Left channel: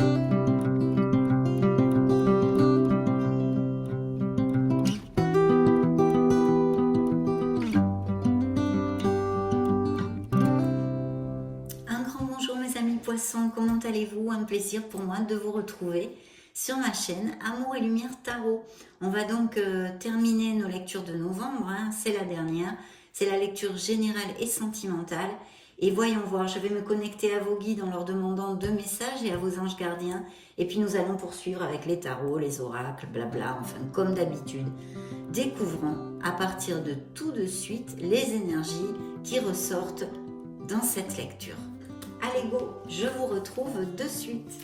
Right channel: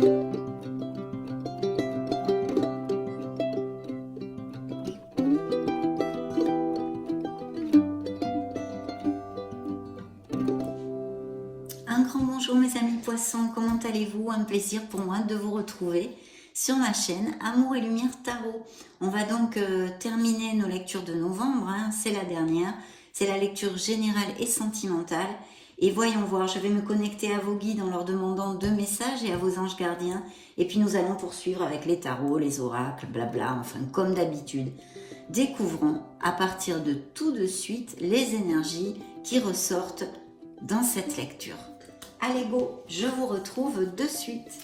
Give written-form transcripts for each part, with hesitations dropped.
Un grand bonjour mes amis poissons, comment allez-vous? Un plaisir pour moi de vous retrouver sur ma chaîne Amour et Lumière Tarot. On va donc terminer nos lectures de novembre, hein, c'est la dernière, c'est la lecture générale et sentimentale. Et voyons voir, je vais me connecter à vos guides en leur demandant 2 messages et à vos anges gardiens. Et puis nous allons poursuivre avec les tarots, les oracles, blabla, enfin comme d'habitude. Découvrons à partir de tout de suite les énergies qui ressortent dans cette lecture. Allez go, je vous retrouve de suite.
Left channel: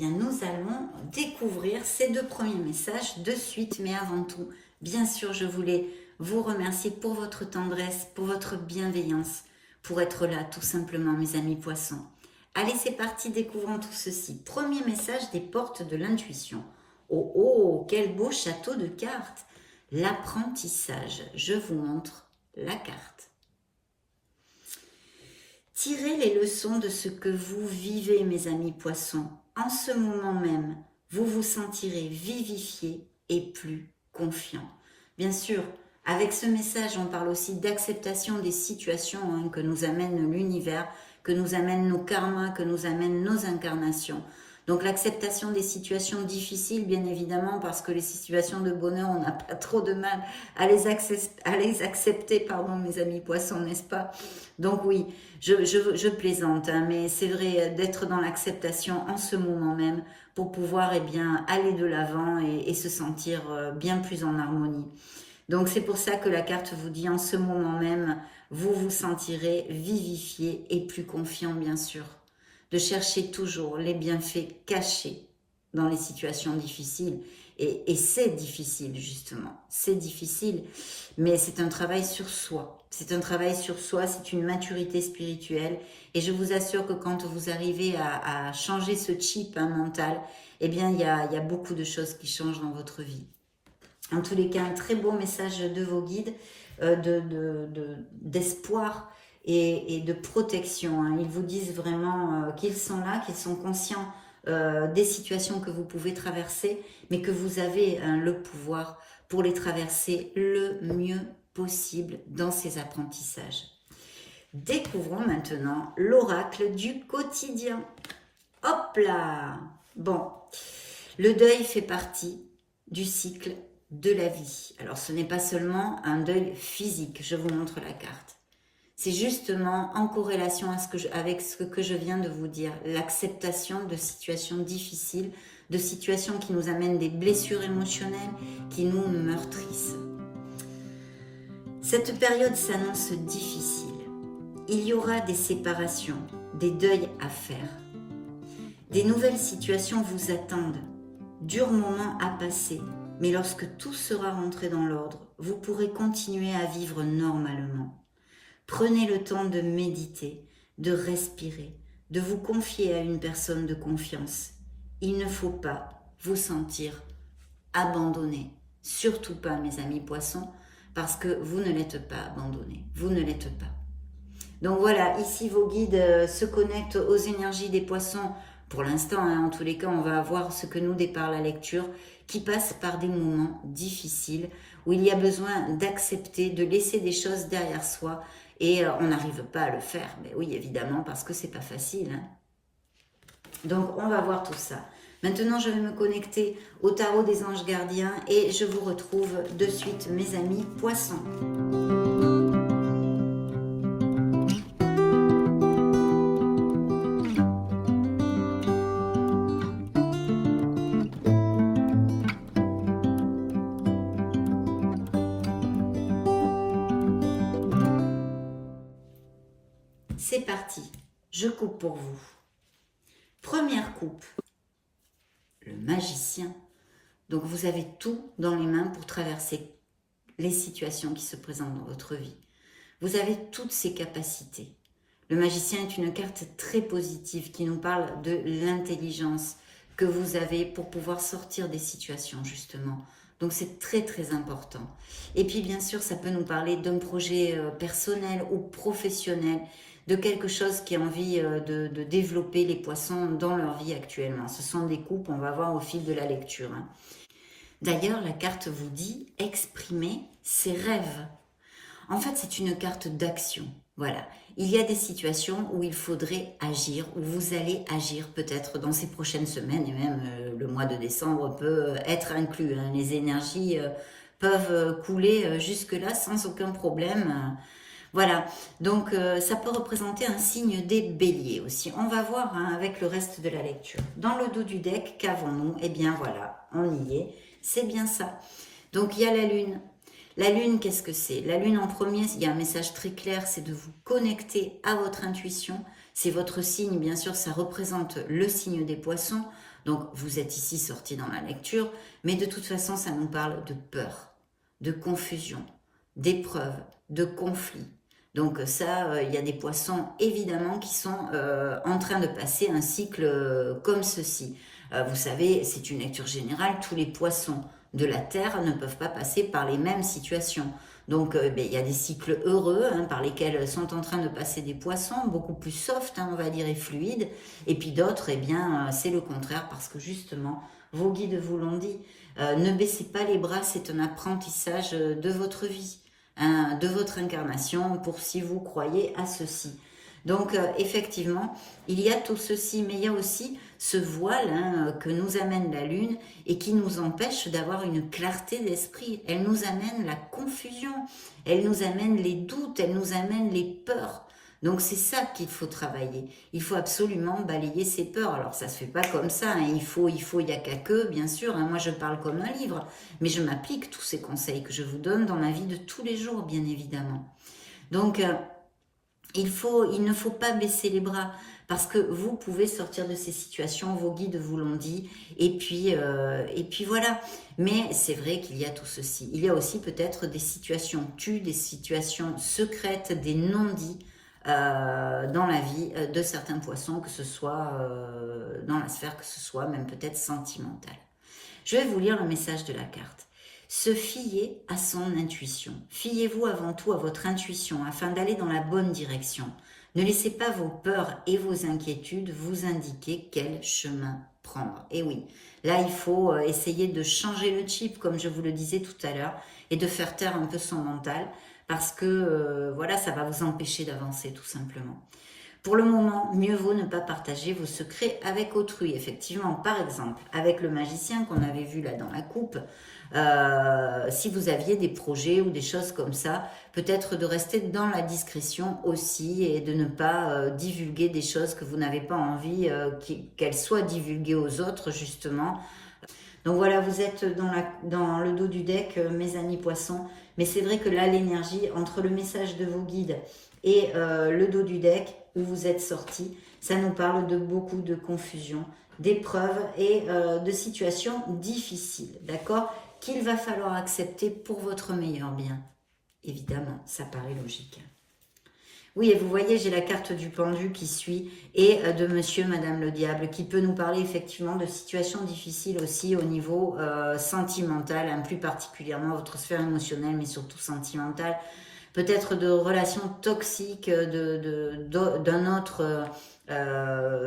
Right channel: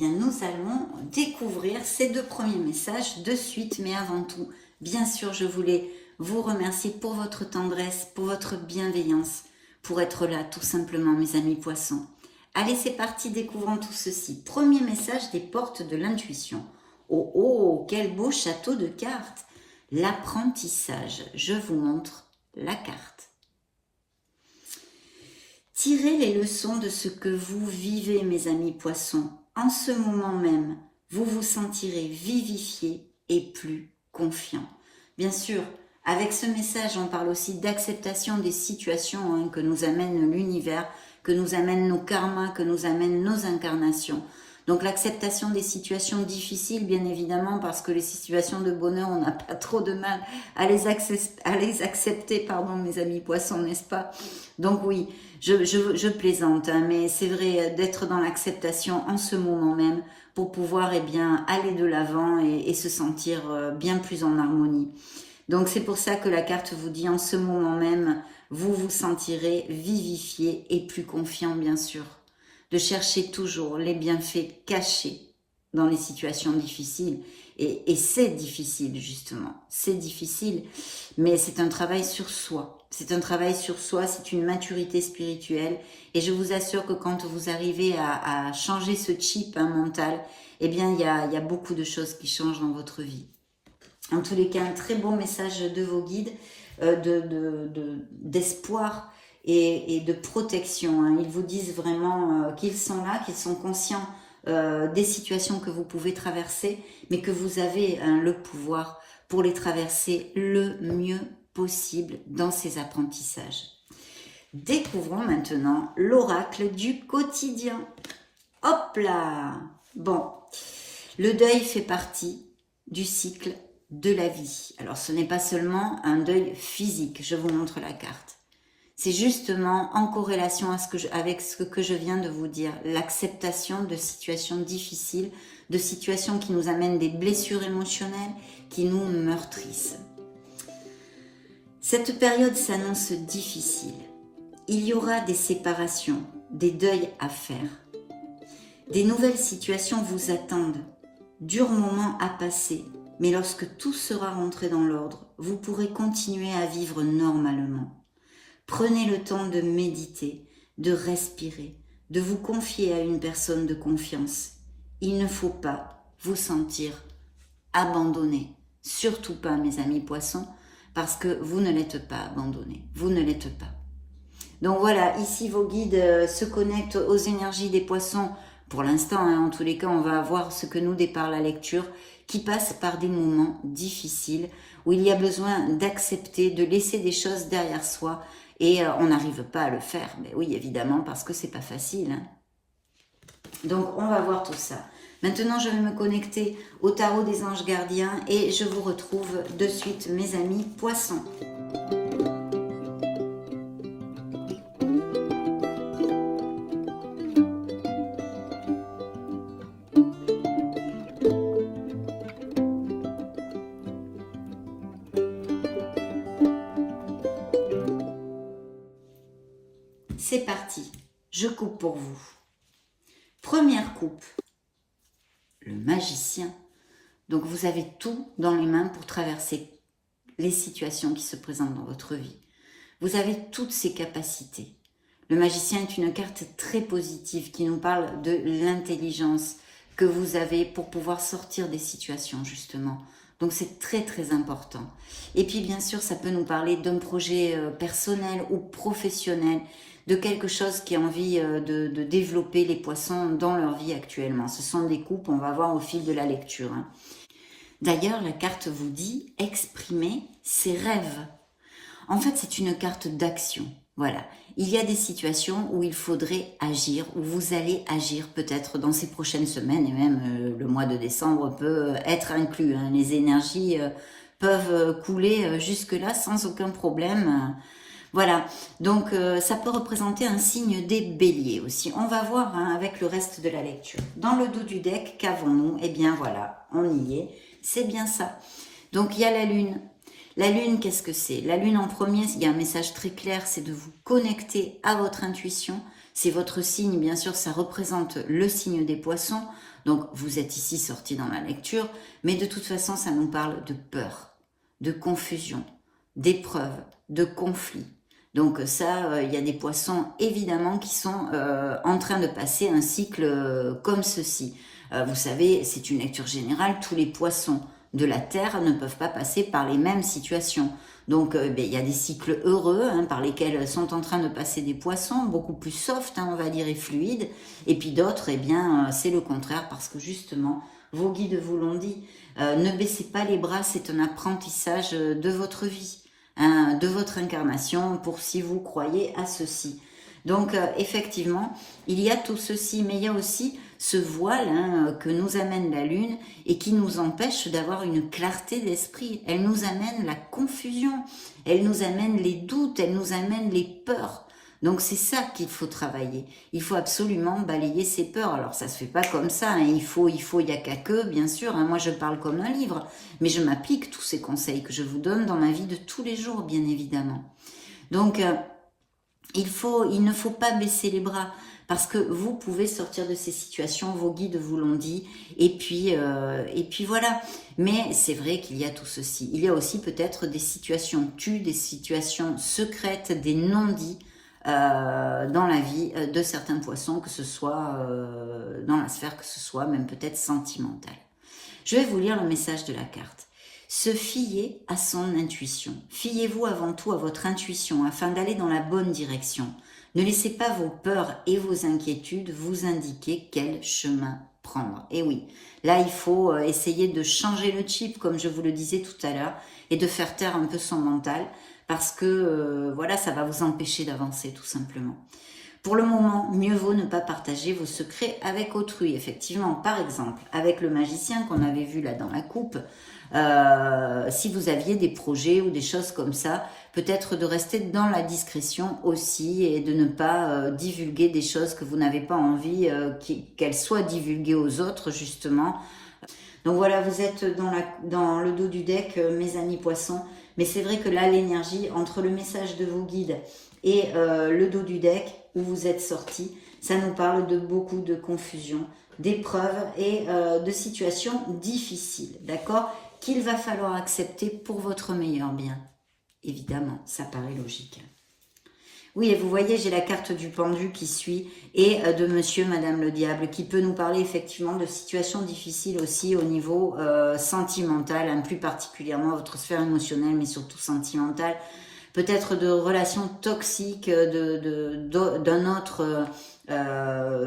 Nous allons découvrir ces 2 premiers messages de suite, mais avant tout, bien sûr, je voulais vous remercier pour votre tendresse, pour votre bienveillance, pour être là tout simplement, mes amis poissons. Allez, c'est parti, découvrons tout ceci. Premier message des portes de l'intuition. Oh, oh, quel beau château de cartes! L'apprentissage. Je vous montre la carte. Tirez les leçons de ce que vous vivez, mes amis poissons. En ce moment même, vous vous sentirez vivifié et plus confiant. Bien sûr, avec ce message, on parle aussi d'acceptation des situations que nous amène l'univers, que nous amènent nos karmas, que nous amènent nos incarnations. Donc l'acceptation des situations difficiles, bien évidemment, parce que les situations de bonheur, on n'a pas trop de mal à les accepter, pardon, mes amis poissons, n'est-ce pas? Donc oui, je plaisante, hein, mais c'est vrai d'être dans l'acceptation en ce moment même pour pouvoir aller de l'avant et se sentir bien plus en harmonie. Donc c'est pour ça que la carte vous dit en ce moment même, vous vous sentirez vivifié et plus confiant, bien sûr. De chercher toujours les bienfaits cachés dans les situations difficiles. Et c'est difficile, justement. C'est difficile, mais c'est un travail sur soi. C'est un travail sur soi, c'est une maturité spirituelle. Et je vous assure que quand vous arrivez à changer ce chip mental, eh bien, il y a beaucoup de choses qui changent dans votre vie. En tous les cas, un très beau message de vos guides, d'espoir, et de protection. Hein. Ils vous disent vraiment qu'ils sont là, qu'ils sont conscients des situations que vous pouvez traverser, mais que vous avez le pouvoir pour les traverser le mieux possible dans ces apprentissages. Découvrons maintenant l'oracle du quotidien. Hop là! Bon, le deuil fait partie du cycle de la vie. Alors ce n'est pas seulement un deuil physique, je vous montre la carte. C'est justement en corrélation avec ce que je viens de vous dire, l'acceptation de situations difficiles, de situations qui nous amènent des blessures émotionnelles, qui nous meurtrissent. Cette période s'annonce difficile. Il y aura des séparations, des deuils à faire. Des nouvelles situations vous attendent, durs moments à passer, mais lorsque tout sera rentré dans l'ordre, vous pourrez continuer à vivre normalement. Prenez le temps de méditer, de respirer, de vous confier à une personne de confiance. Il ne faut pas vous sentir abandonné. Surtout pas, mes amis poissons, parce que vous ne l'êtes pas abandonné. Vous ne l'êtes pas. Donc voilà, ici vos guides se connectent aux énergies des poissons. Pour l'instant, hein, en tous les cas, on va voir ce que nous départ la lecture, qui passe par des moments difficiles, où il y a besoin d'accepter, de laisser des choses derrière soi, et on n'arrive pas à le faire. Mais oui, évidemment, parce que c'est pas facile. Hein. Donc, on va voir tout ça. Maintenant, je vais me connecter au tarot des anges gardiens et je vous retrouve de suite, mes amis poissons. parti. Je coupe pour vous. Première coupe, le magicien. Donc vous avez tout dans les mains pour traverser les situations qui se présentent dans votre vie. Vous avez toutes ces capacités. Le magicien est une carte très positive qui nous parle de l'intelligence que vous avez pour pouvoir sortir des situations justement. Donc c'est très très important. Et puis bien sûr ça peut nous parler d'un projet personnel ou professionnel, de quelque chose qui a envie de développer les poissons dans leur vie actuellement. Ce sont des coupes, on va voir au fil de la lecture. D'ailleurs la carte vous dit exprimer ses rêves. En fait c'est une carte d'action. Voilà, il y a des situations où il faudrait agir, où vous allez agir peut-être dans ces prochaines semaines, et même le mois de décembre peut être inclus. Les énergies peuvent couler jusque-là sans aucun problème. Voilà, donc ça peut représenter un signe des béliers aussi. On va voir avec le reste de la lecture. Dans le dos du deck, qu'avons-nous? Eh bien voilà, on y est, c'est bien ça. Donc il y a la lune. La lune, qu'est-ce que c'est? La lune en premier, il y a un message très clair, c'est de vous connecter à votre intuition. C'est votre signe, bien sûr, ça représente le signe des poissons. Donc, vous êtes ici sorti dans la lecture, mais de toute façon, ça nous parle de peur, de confusion, d'épreuve, de conflit. Donc ça, il y a des poissons, évidemment, qui sont en train de passer un cycle comme ceci. Vous savez, c'est une lecture générale, tous les poissons de la Terre ne peuvent pas passer par les mêmes situations. Donc, il y a des cycles heureux par lesquels sont en train de passer des poissons, beaucoup plus soft, on va dire, et fluides. Et puis d'autres, c'est le contraire, parce que justement, vos guides vous l'ont dit, ne baissez pas les bras, c'est un apprentissage de votre vie, de votre incarnation, pour si vous croyez à ceci. Donc, effectivement, il y a tout ceci, mais il y a aussi ce voile que nous amène la lune et qui nous empêche d'avoir une clarté d'esprit. Elle nous amène la confusion, elle nous amène les doutes, elle nous amène les peurs. Donc c'est ça qu'il faut travailler. Il faut absolument balayer ces peurs. Alors ça se fait pas comme ça, il y a qu'à que, bien sûr. Moi je parle comme un livre, mais je m'applique tous ces conseils que je vous donne dans ma vie de tous les jours, bien évidemment. Donc il ne faut pas baisser les bras, parce que vous pouvez sortir de ces situations, vos guides vous l'ont dit, et puis voilà. Mais c'est vrai qu'il y a tout ceci. Il y a aussi peut-être des situations tues, des situations secrètes, des non-dits dans la vie de certains poissons, que ce soit dans la sphère, que ce soit même peut-être sentimentale. Je vais vous lire le message de la carte. Se fier à son intuition. Fiez-vous avant tout à votre intuition afin d'aller dans la bonne direction. Ne laissez pas vos peurs et vos inquiétudes vous indiquer quel chemin prendre. Et oui, là il faut essayer de changer le chip, comme je vous le disais tout à l'heure, et de faire taire un peu son mental, parce que voilà, ça va vous empêcher d'avancer tout simplement. Pour le moment, mieux vaut ne pas partager vos secrets avec autrui. Effectivement, par exemple, avec le magicien qu'on avait vu là dans la coupe, si vous aviez des projets ou des choses comme ça, peut-être de rester dans la discrétion aussi et de ne pas divulguer des choses que vous n'avez pas envie qu'elles soient divulguées aux autres, justement. Donc voilà, vous êtes dans le dos du deck, mes amis poissons. Mais c'est vrai que là, l'énergie entre le message de vos guides et le dos du deck où vous êtes sortis, ça nous parle de beaucoup de confusion, d'épreuves et de situations difficiles, d'accord, qu'il va falloir accepter pour votre meilleur bien. Évidemment, ça paraît logique. Oui, et vous voyez, j'ai la carte du pendu qui suit et de monsieur, madame le diable, qui peut nous parler effectivement de situations difficiles aussi au niveau sentimental, plus particulièrement votre sphère émotionnelle, mais surtout sentimentale. Peut-être de relations toxiques d'un autre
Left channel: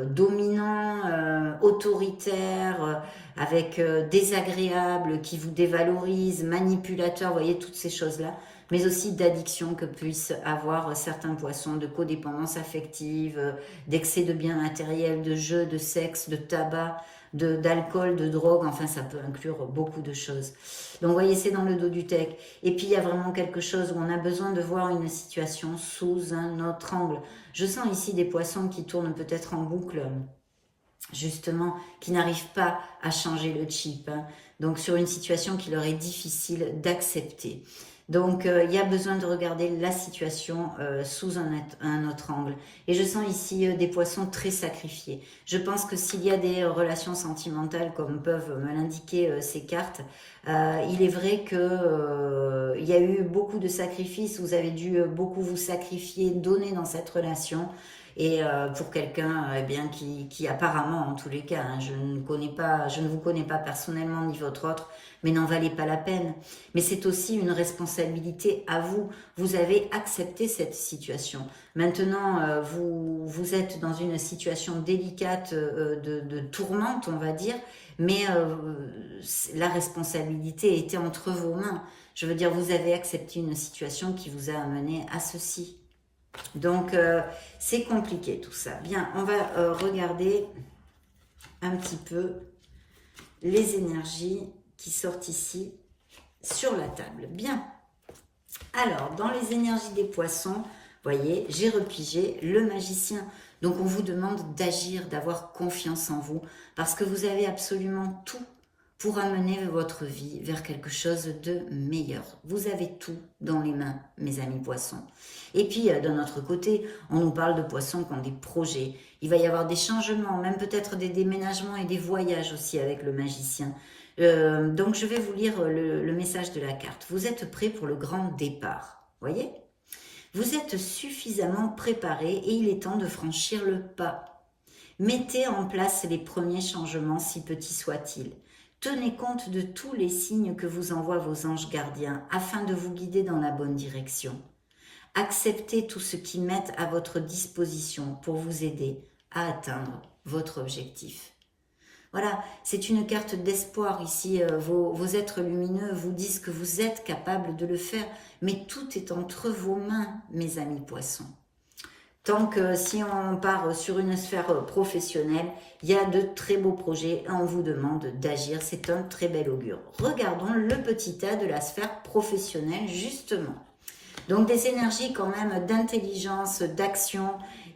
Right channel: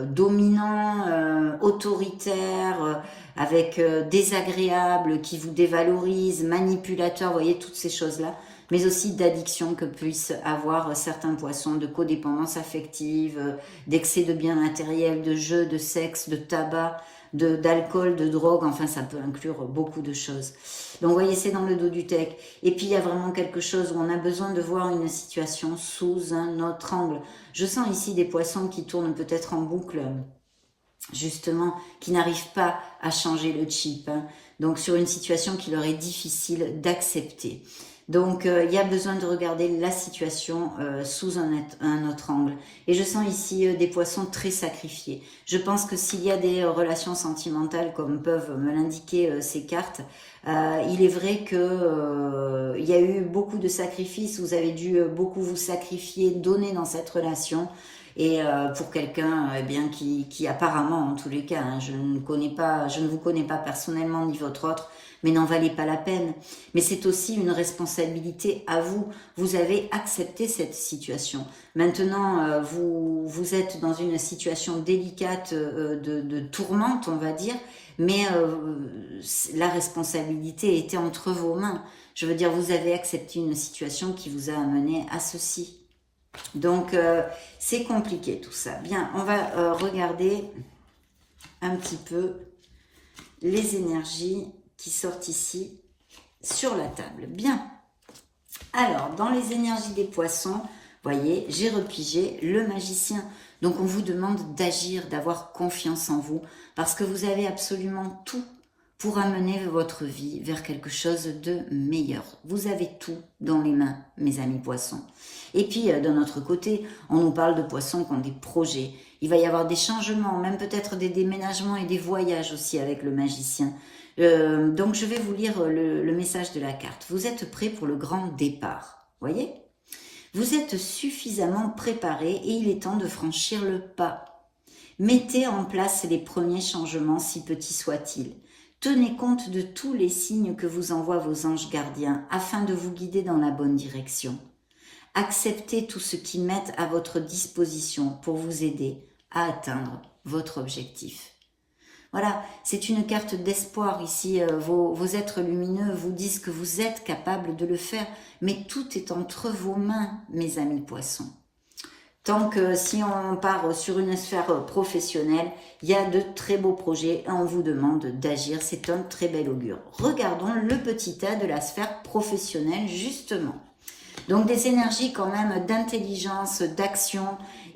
dominant, autoritaire, avec désagréable, qui vous dévalorise, manipulateur, vous voyez, toutes ces choses-là. Mais aussi d'addiction que puissent avoir certains poissons, de codépendance affective, d'excès de biens matériels, de jeux, de sexe, de tabac, d'alcool, de drogue, enfin ça peut inclure beaucoup de choses. Donc vous voyez, c'est dans le dos du deck. Et puis il y a vraiment quelque chose où on a besoin de voir une situation sous un autre angle. Je sens ici des poissons qui tournent peut-être en boucle, justement, qui n'arrivent pas à changer le chip. Donc sur une situation qui leur est difficile d'accepter. Donc, il y a besoin de regarder la situation sous un autre angle. Et je sens ici des poissons très sacrifiés. Je pense que s'il y a des relations sentimentales, comme peuvent me l'indiquer ces cartes, il est vrai que il y a eu beaucoup de sacrifices. Vous avez dû beaucoup vous sacrifier, donner dans cette relation. Et pour quelqu'un eh bien qui apparemment, en tous les cas, hein, je ne vous connais pas personnellement ni votre autre, mais n'en valait pas la peine. Mais c'est aussi une responsabilité à vous. Vous avez accepté cette situation. Maintenant, vous êtes dans une situation délicate de tourmente, on va dire, mais la responsabilité était entre vos mains. Je veux dire, vous avez accepté une situation qui vous a amené à ceci. Donc, c'est compliqué tout ça. Bien, on va regarder un petit peu les énergies qui sortent ici sur la table. Bien. Alors, dans les énergies des poissons, voyez, j'ai repigé le magicien. Donc, on vous demande d'agir, d'avoir confiance en vous, parce que vous avez absolument tout pour amener votre vie vers quelque chose de meilleur. Vous avez tout dans les mains, mes amis poissons. Et puis, d'un autre côté, on nous parle de poissons qui ont des projets. Il va y avoir des changements, même peut-être des déménagements et des voyages aussi avec le magicien. Donc, je vais vous lire le message de la carte. Vous êtes prêts pour le grand départ, voyez? Vous êtes suffisamment préparés et il est temps de franchir le pas. Mettez en place les premiers changements, si petits soient-ils. Tenez compte de tous les signes que vous envoient vos anges gardiens afin de vous guider dans la bonne direction. Acceptez tout ce qu'ils mettent à votre disposition pour vous aider à atteindre votre objectif. Voilà, c'est une carte d'espoir ici. Vos êtres lumineux vous disent que vous êtes capable de le faire, mais tout est entre vos mains, mes amis poissons. Tant que si on part sur une sphère professionnelle, il y a de très beaux projets et on vous demande d'agir. C'est un très bel augure. Regardons le petit tas de la sphère professionnelle, justement. Donc des énergies quand même d'intelligence, d'action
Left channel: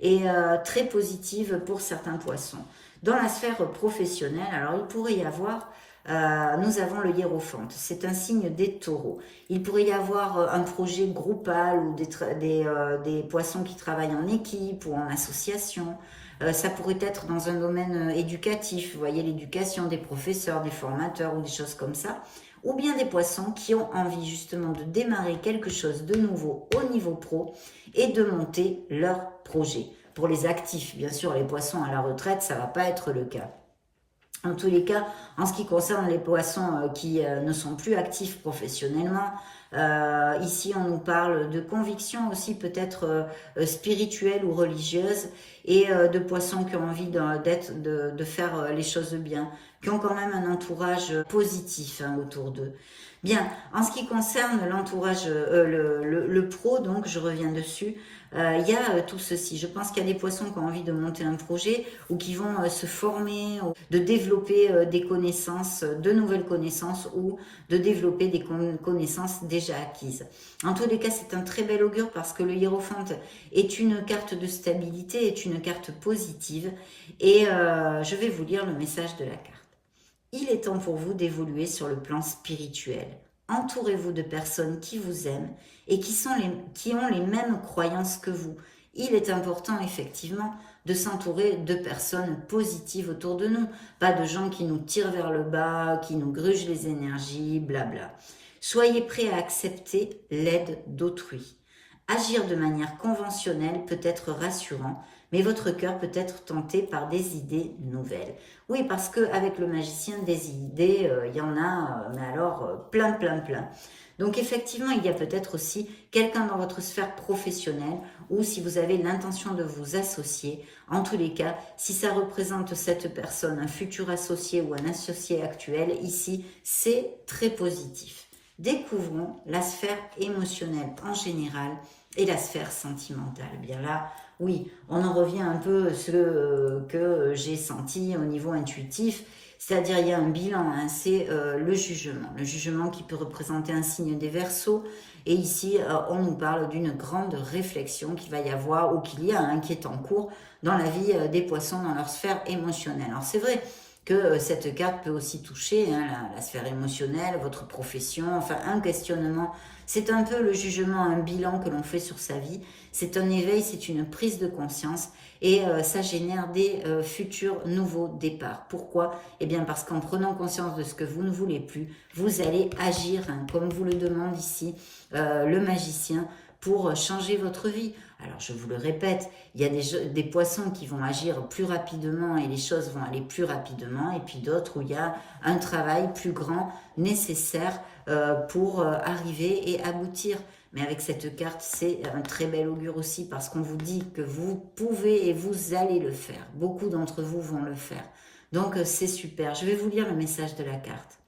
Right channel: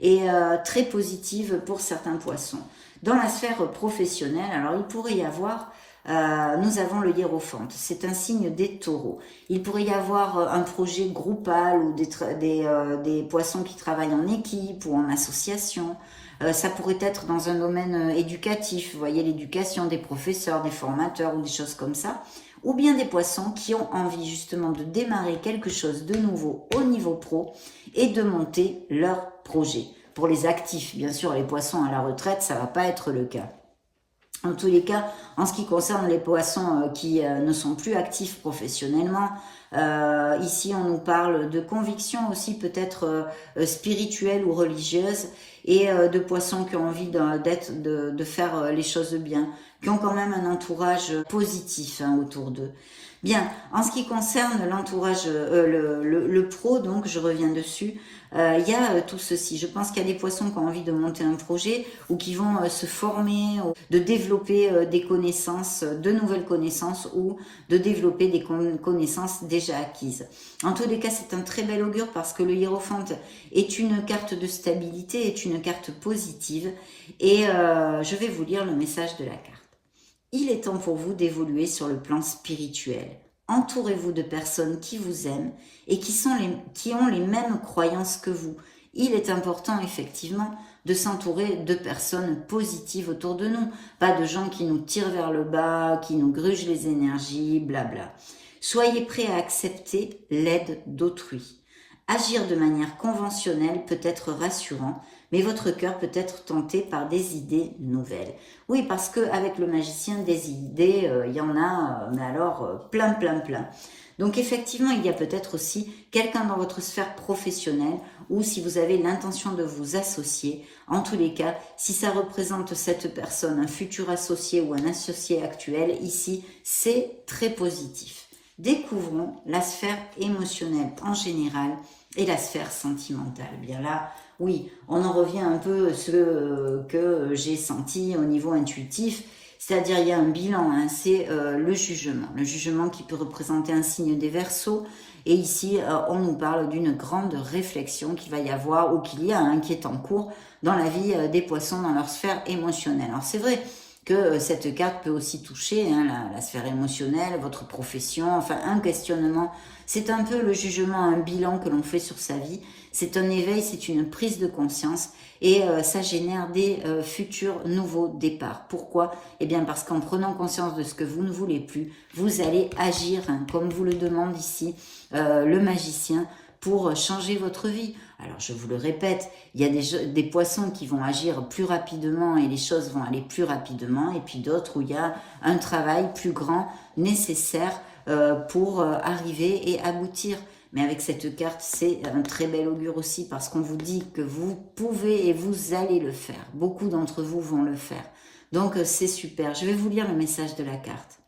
et très positives pour certains poissons. Dans la sphère professionnelle, alors il pourrait y avoir, nous avons le hiérophante, c'est un signe des taureaux. Il pourrait y avoir un projet groupal ou des poissons qui travaillent en équipe ou en association. Ça pourrait être dans un domaine éducatif, vous voyez, l'éducation des professeurs, des formateurs ou des choses comme ça. Ou bien des poissons qui ont envie justement de démarrer quelque chose de nouveau au niveau pro et de monter leur projet. Pour les actifs, bien sûr, les poissons à la retraite, ça ne va pas être le cas. En tous les cas, en ce qui concerne les poissons qui ne sont plus actifs professionnellement, ici on nous parle de convictions aussi peut-être spirituelles ou religieuses et de poissons qui ont envie de faire les choses bien, qui ont quand même un entourage positif autour d'eux. Bien, en ce qui concerne l'entourage, le pro, donc je reviens dessus, il y a tout ceci. Je pense qu'il y a des poissons qui ont envie de monter un projet ou qui vont se former, de développer des connaissances, de nouvelles connaissances ou de développer des connaissances déjà acquises. En tous les cas, c'est un très bel augure parce que le hiérophante est une carte de stabilité, est une carte positive et je vais vous lire le message de la carte. Il est temps pour vous d'évoluer sur le plan spirituel. Entourez-vous de personnes qui vous aiment et qui ont les mêmes croyances que vous. Il est important effectivement de s'entourer de personnes positives autour de nous, pas de gens qui nous tirent vers le bas, qui nous grugent les énergies, blabla. Soyez prêts à accepter l'aide d'autrui. Agir de manière conventionnelle peut être rassurant, mais votre cœur peut être tenté par des idées nouvelles. Oui, parce qu'avec le magicien, des idées, il y en a, mais alors plein. Donc effectivement, il y a peut-être aussi quelqu'un dans votre sphère professionnelle ou si vous avez l'intention de vous associer. En tous les cas, si ça représente cette personne, un futur associé ou un associé actuel, ici, c'est très positif. Découvrons la sphère émotionnelle en général et la sphère sentimentale. Bien là, oui, on en revient un peu à ce que j'ai senti au niveau intuitif, c'est-à-dire il y a un bilan, c'est le jugement qui peut représenter un signe des Verseaux, et ici on nous parle d'une grande réflexion qu'il va y avoir ou qu'il y a, qui est en cours dans la vie des poissons dans leur sphère émotionnelle. Alors c'est vrai que cette carte peut aussi toucher la sphère émotionnelle, votre profession, enfin un questionnement C'est un peu le jugement, un bilan que l'on fait sur sa vie. C'est un éveil, c'est une prise de conscience et ça génère des futurs nouveaux départs. Pourquoi? Eh bien parce qu'en prenant conscience de ce que vous ne voulez plus, vous allez agir, hein, comme vous le demande ici le magicien, pour changer votre vie. Alors je vous le répète, il y a des poissons qui vont agir plus rapidement et les choses vont aller plus rapidement, et puis d'autres où il y a un travail plus grand nécessaire pour arriver et aboutir. Mais avec cette carte, c'est un très bel augure aussi parce qu'on vous dit que vous pouvez et vous allez le faire. Beaucoup d'entre vous vont le faire. Donc c'est super. Je vais vous lire le message de la carte.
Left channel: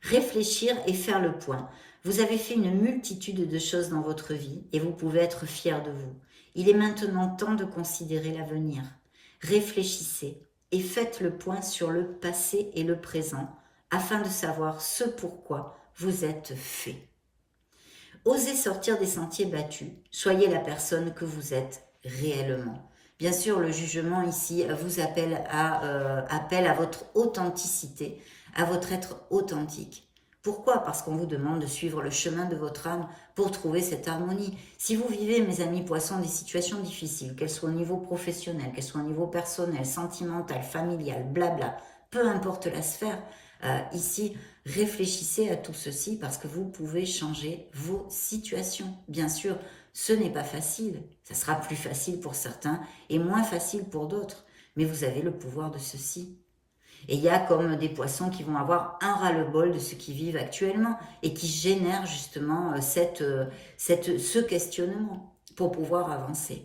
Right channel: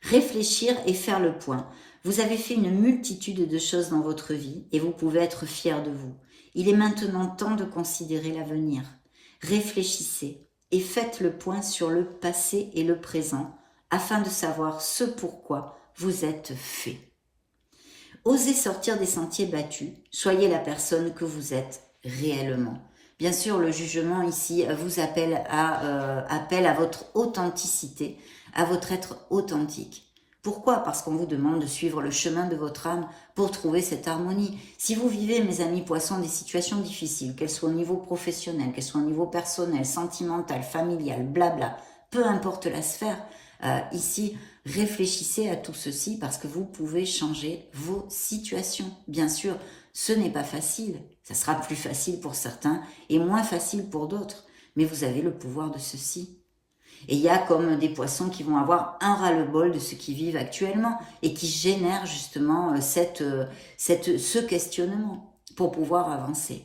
Réfléchir et faire le point. Vous avez fait une multitude de choses dans votre vie et vous pouvez être fiers de vous. Il est maintenant temps de considérer l'avenir. Réfléchissez et faites le point sur le passé et le présent afin de savoir ce pourquoi vous êtes fait. Osez sortir des sentiers battus, soyez la personne que vous êtes réellement. Bien sûr, le jugement ici vous appelle à votre authenticité, à votre être authentique. Pourquoi? Parce qu'on vous demande de suivre le chemin de votre âme pour trouver cette harmonie. Si vous vivez, mes amis poissons, des situations difficiles, qu'elles soient au niveau professionnel, qu'elles soient au niveau personnel, sentimental, familial, blabla, peu importe la sphère, ici, réfléchissez à tout ceci parce que vous pouvez changer vos situations. Bien sûr, ce n'est pas facile. Ça sera plus facile pour certains et moins facile pour d'autres. Mais vous avez le pouvoir de ceci. Et il y a comme des poissons qui vont avoir un ras-le-bol de ce qu'ils vivent actuellement et qui génèrent justement ce questionnement pour pouvoir avancer.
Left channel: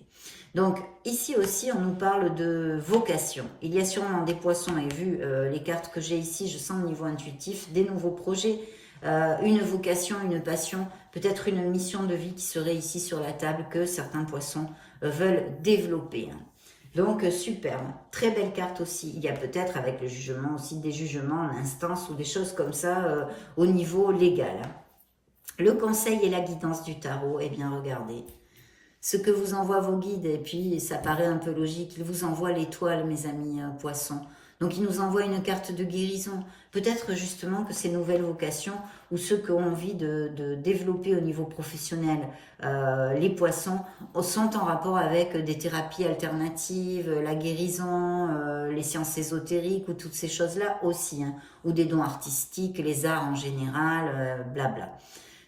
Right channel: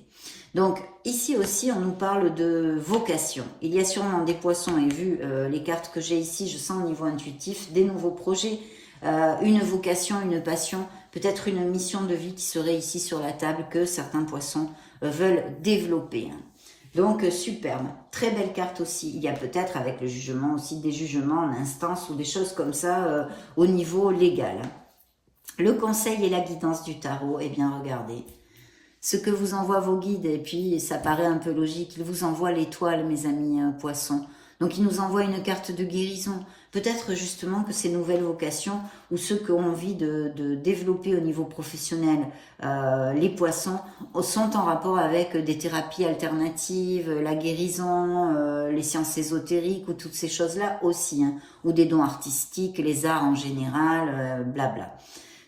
Donc ici aussi on nous parle de vocation. Il y a sûrement des poissons, et vu les cartes que j'ai ici, je sens au niveau intuitif, des nouveaux projets, une vocation, une passion, peut-être une mission de vie qui serait ici sur la table que certains poissons veulent développer. Donc superbe, très belle carte aussi. Il y a peut-être avec le jugement aussi des jugements en instance ou des choses comme ça au niveau légal. Le conseil et la guidance du tarot, eh bien regardez. Ce que vous envoient vos guides, et puis ça paraît un peu logique, ils vous envoient l'étoile, mes amis poissons. Donc ils nous envoient une carte de guérison. Peut-être justement que ces nouvelles vocations, ou ceux qui ont envie de développer au niveau professionnel, les poissons, sont en rapport avec des thérapies alternatives, la guérison, les sciences ésotériques, ou toutes ces choses-là aussi, hein, ou des dons artistiques, les arts en général, blabla.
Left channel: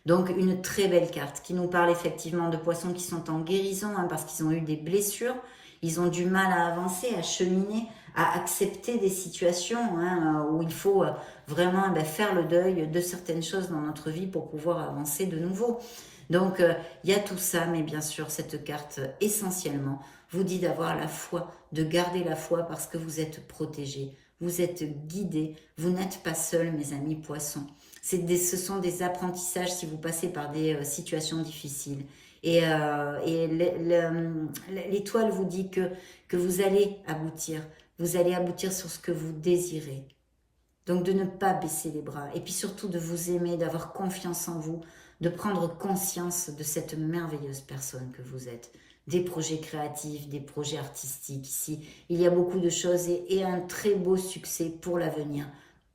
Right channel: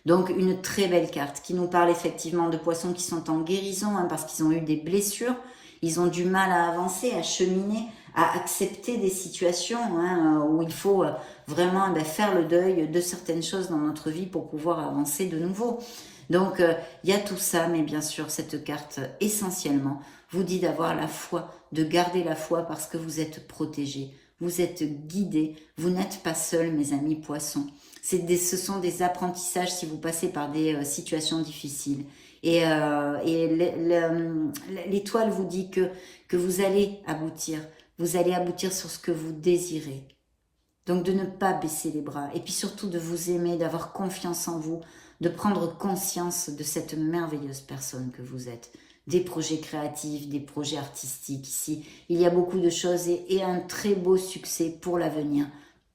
Donc une très belle carte qui nous parle effectivement de poissons qui sont en guérison, hein, parce qu'ils ont eu des blessures, ils ont du mal à avancer, à cheminer, à accepter des situations hein, où il faut vraiment faire le deuil de certaines choses dans notre vie pour pouvoir avancer de nouveau. Donc il y a tout ça, mais bien sûr cette carte essentiellement vous dit d'avoir la foi, de garder la foi parce que vous êtes protégés, vous êtes guidés, vous n'êtes pas seuls mes amis poissons. Ce sont des apprentissages si vous passez par des situations difficiles. Et l'étoile vous dit que vous allez aboutir sur ce que vous désirez. Donc de ne pas baisser les bras et puis surtout de vous aimer, d'avoir confiance en vous, de prendre conscience de cette merveilleuse personne que vous êtes. Des projets créatifs, des projets artistiques ici. Il y a beaucoup de choses et un très beau succès pour l'avenir.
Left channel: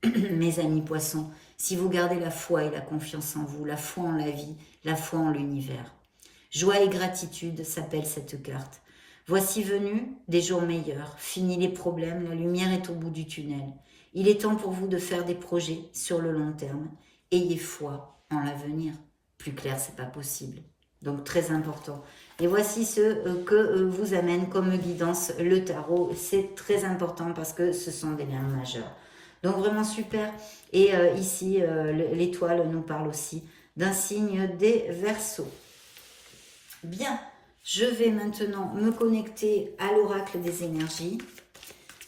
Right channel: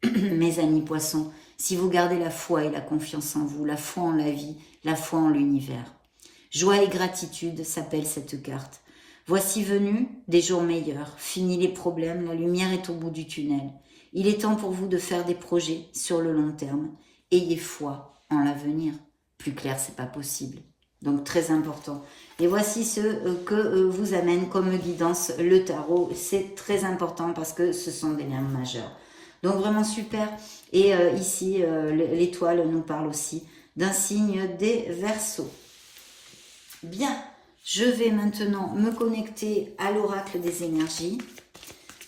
Mes amis poissons, si vous gardez la foi et la confiance en vous, la foi en la vie, la foi en l'univers. Joie et gratitude s'appelle cette carte. Voici venus des jours meilleurs, finis les problèmes, la lumière est au bout du tunnel. Il est temps pour vous de faire des projets sur le long terme. Ayez foi en l'avenir. Plus clair, c'est pas possible. Donc très important. Et voici ce que vous amène comme guidance le tarot. C'est très important parce que ce sont des liens majeurs. Donc vraiment super. Et ici, l'étoile nous parle aussi d'un signe des Verseaux. Bien, je vais maintenant me connecter à l'oracle des énergies.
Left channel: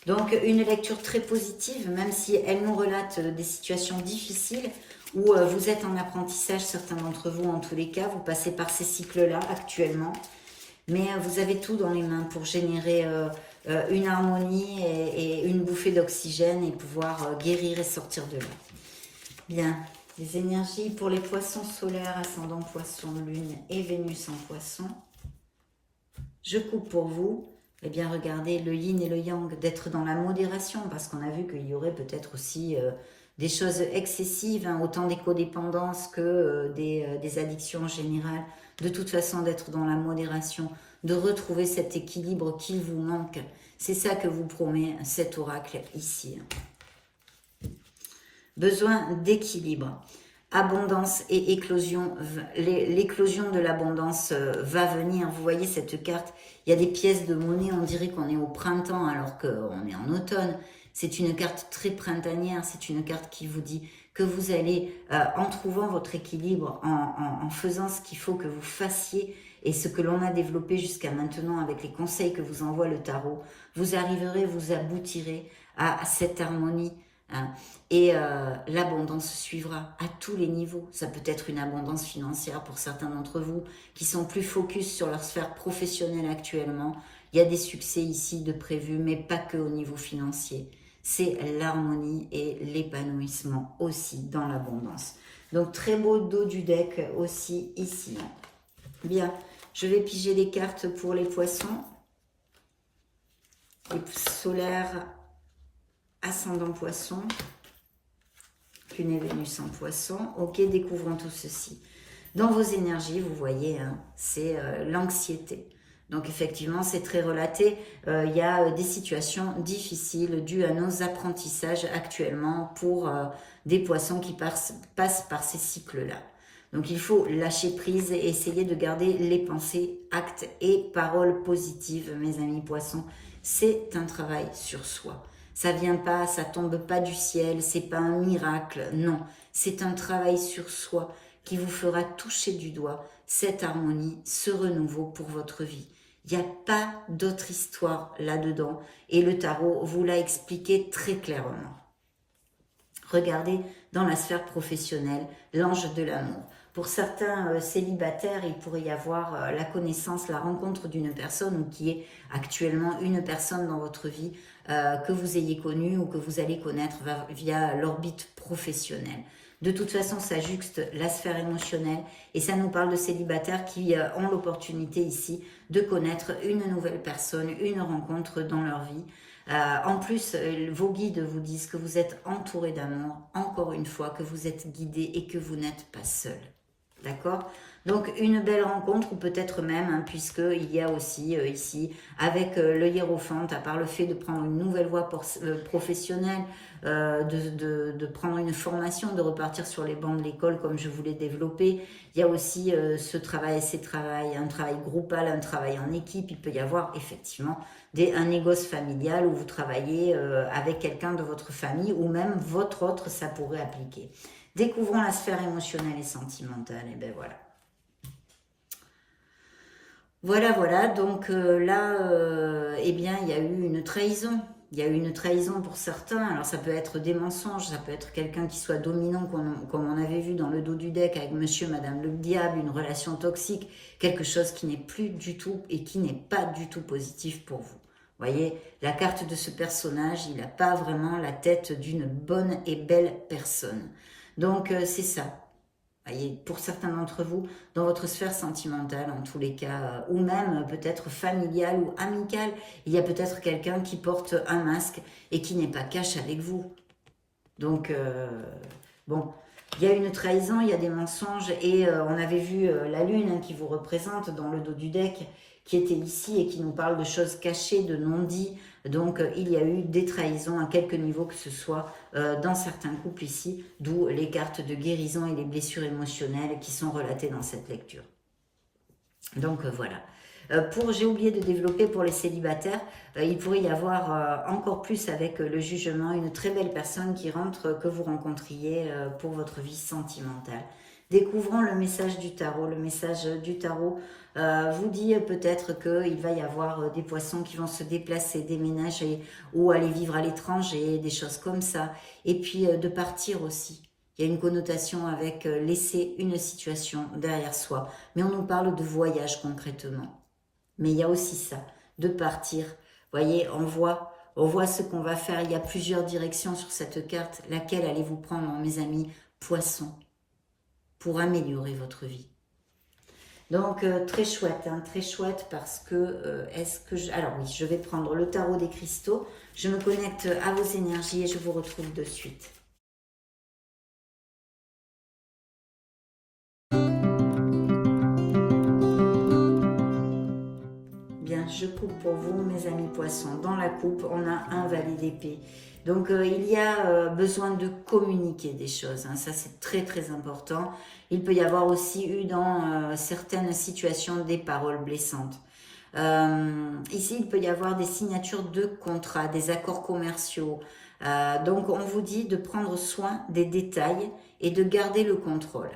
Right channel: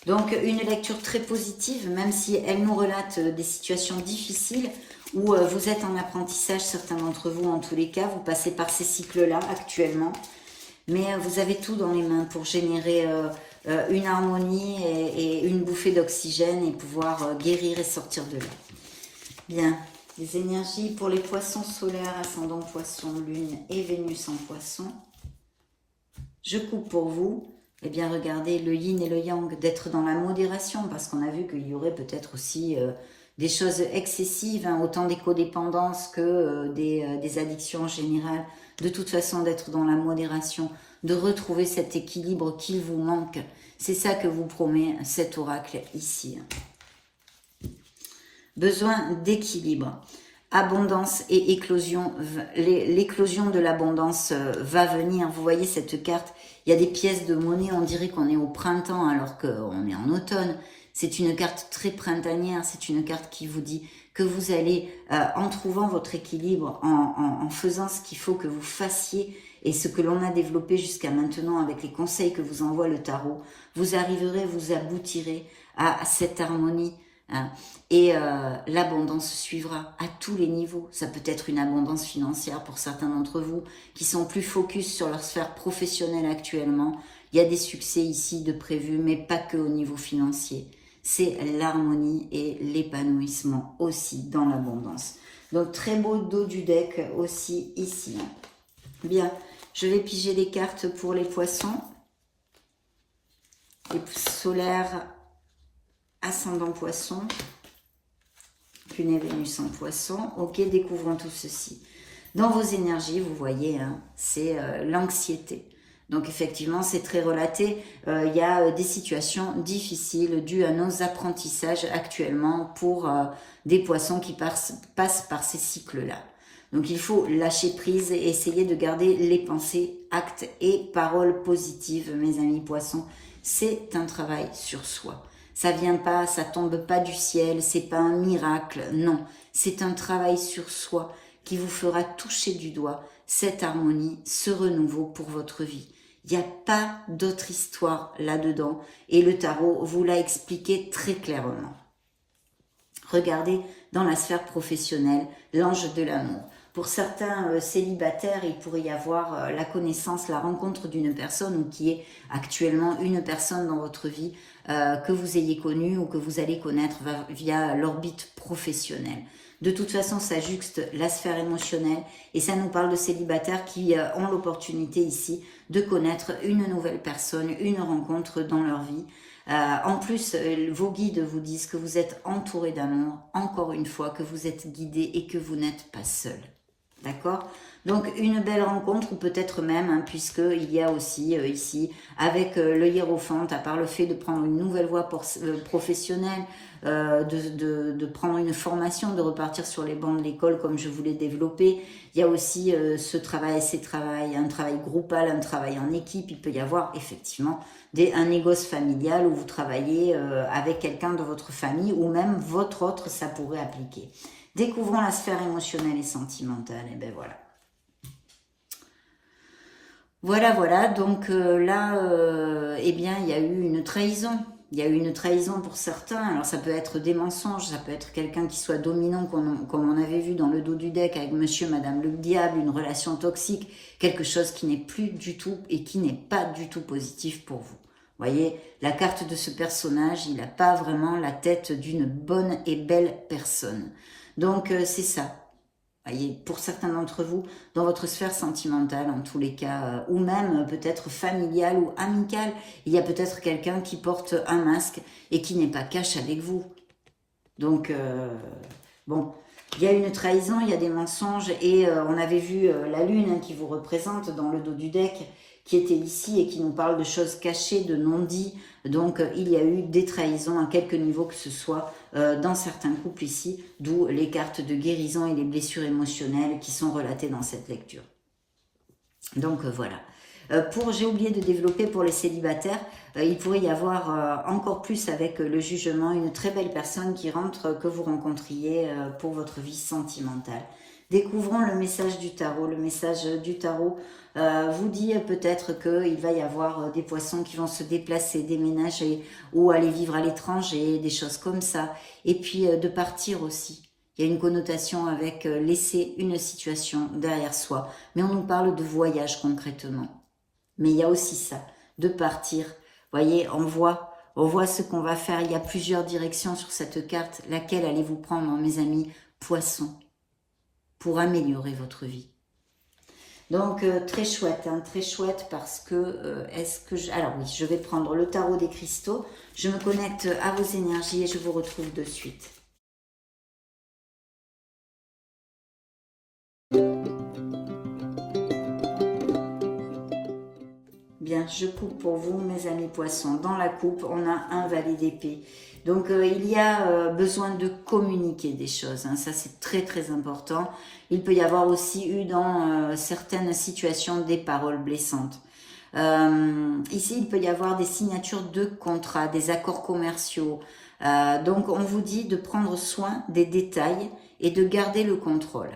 Donc une lecture très positive, même si elle nous relate des situations difficiles où vous êtes en apprentissage, certains d'entre vous en tous les cas, vous passez par ces cycles-là actuellement. Mais vous avez tout dans les mains pour générer une harmonie et une bouffée d'oxygène et pouvoir guérir et sortir de là. Bien, les énergies pour les poissons solaires, ascendant poisson, lune et Vénus en poisson. Je coupe pour vous. Eh bien, regardez le yin et le yang, d'être dans la modération, parce qu'on a vu qu'il y aurait peut-être aussi des choses excessives, hein, autant des codépendances que des addictions en général. De toute façon, d'être dans la modération, de retrouver cet équilibre qu'il vous manque. C'est ça que vous promet cet oracle ici. Besoin d'équilibre. Abondance et éclosion. L'éclosion de l'abondance va venir. Vous voyez cette carte, il y a des pièces de monnaie, on dirait qu'on est au printemps alors qu'on est en automne. C'est une carte très printanière, c'est une carte qui vous dit que vous allez, en trouvant votre équilibre, en faisant ce qu'il faut que vous fassiez et ce que l'on a développé jusqu'à maintenant avec les conseils que vous envoie le tarot, vous arriverez, vous aboutirez à cette harmonie. Hein. Et l'abondance suivra à tous les niveaux. Ça peut être une abondance financière pour certains d'entre vous qui sont plus focus sur leur sphère professionnelle actuellement. Il y a des succès ici de prévus, mais pas que au niveau financier. C'est l'harmonie et l'épanouissement aussi dans l'abondance. Donc très beau dos du deck aussi ici. Bien, je vais piger les cartes pour les poissons. Les solaires, ascendant poisson. Lune et Vénus en poisson. Ok, découvrons tout ceci. Dans vos énergies, vous voyez, hein, c'est l'anxiété. Donc effectivement, c'est très relaté. Il y a des situations difficiles dues à nos apprentissages actuellement pour des poissons qui passent par ces cycles-là. Donc il faut lâcher prise et essayer de garder les pensées, actes et paroles positives, mes amis poissons. C'est un travail sur soi. Ça vient pas, ça tombe pas du ciel, c'est pas un miracle, non. C'est un travail sur soi qui vous fera toucher du doigt cette harmonie, ce renouveau pour votre vie. Il n'y a pas d'autre histoire là-dedans et le tarot vous l'a expliqué très clairement. Regardez dans la sphère professionnelle, l'ange de l'amour. Pour certains célibataires, il pourrait y avoir la connaissance, la rencontre d'une personne ou qui est actuellement une personne dans votre vie que vous ayez connue ou que vous allez connaître via l'orbite professionnelle. De toute façon, ça juxte la sphère émotionnelle et ça nous parle de célibataires qui ont l'opportunité ici de connaître une nouvelle personne, une rencontre dans leur vie. En plus, vos guides vous disent que vous êtes entouré d'amour, encore une fois, que vous êtes guidé et que vous n'êtes pas seul. D'accord? Donc, une belle rencontre, ou peut-être même, hein, puisqu'il y a aussi ici, avec le hiérophant, à part le fait de prendre une nouvelle voie professionnelle, de prendre une formation, de repartir sur les bancs de l'école comme je voulais développer, il y a aussi ce travail, un travail groupal, un travail en équipe. Il peut y avoir effectivement un négoce familial où vous travaillez avec quelqu'un de votre famille ou même votre autre, ça pourrait appliquer. Découvrons la sphère émotionnelle et sentimentale. Et ben voilà. Voilà. Donc là, eh bien, il y a eu une trahison. Il y a eu une trahison pour certains. Alors, ça peut être des mensonges, ça peut être quelqu'un qui soit dominant, comme on avait vu dans le dos du deck avec monsieur, madame le diable, une relation toxique, quelque chose qui n'est plus du tout et qui n'est pas du tout positif pour vous. Vous voyez, la carte de ce personnage, il n'a pas vraiment la tête d'une bonne et belle personne. Donc, c'est ça. Voyez, pour certains d'entre vous, dans votre sphère sentimentale, en tous les cas, ou même peut-être familiale ou amicale, il y a peut-être quelqu'un qui porte un masque et qui n'est pas cash avec vous. Donc, bon, il y a une trahison, il y a des mensonges, et on avait vu la lune qui vous représente dans le dos du deck, qui était ici et qui nous parle de choses cachées, de non-dits. Donc, il y a eu des trahisons à quelque niveau que ce soit dans certains couples ici, d'où les cartes de guérison et les blessures émotionnelles qui sont relatées dans cette lecture. Donc, voilà. J'ai oublié de développer pour les célibataires, il pourrait y avoir encore plus avec le jugement, une très belle personne qui rentre, que vous rencontriez pour votre vie sentimentale. Découvrons le message du tarot. Le message du tarot vous dit peut-être qu'il va y avoir des poissons qui vont se déplacer, déménager ou aller vivre à l'étranger, des choses comme ça. Et puis de partir aussi. Il y a une connotation avec laisser une situation derrière soi. Mais on nous parle de voyage concrètement. Mais il y a aussi ça, de partir. Vous voyez, on voit ce qu'on va faire. Il y a plusieurs directions sur cette carte. Laquelle allez-vous prendre, mes amis poissons, pour améliorer votre vie? Donc, très chouette, hein, très chouette parce que, alors oui, je vais prendre le tarot des cristaux. Je me connecte à vos énergies et je vous retrouve de suite. pour vous, mes amis poissons. Dans la coupe, on a un valet d'épée. Donc, il y a besoin de communiquer des choses. Hein. Ça, c'est très, très important. Il peut y avoir aussi eu dans certaines situations des paroles blessantes. Ici, il peut y avoir des signatures de contrats, des accords commerciaux. Donc, on vous dit de prendre soin des détails et de garder le contrôle.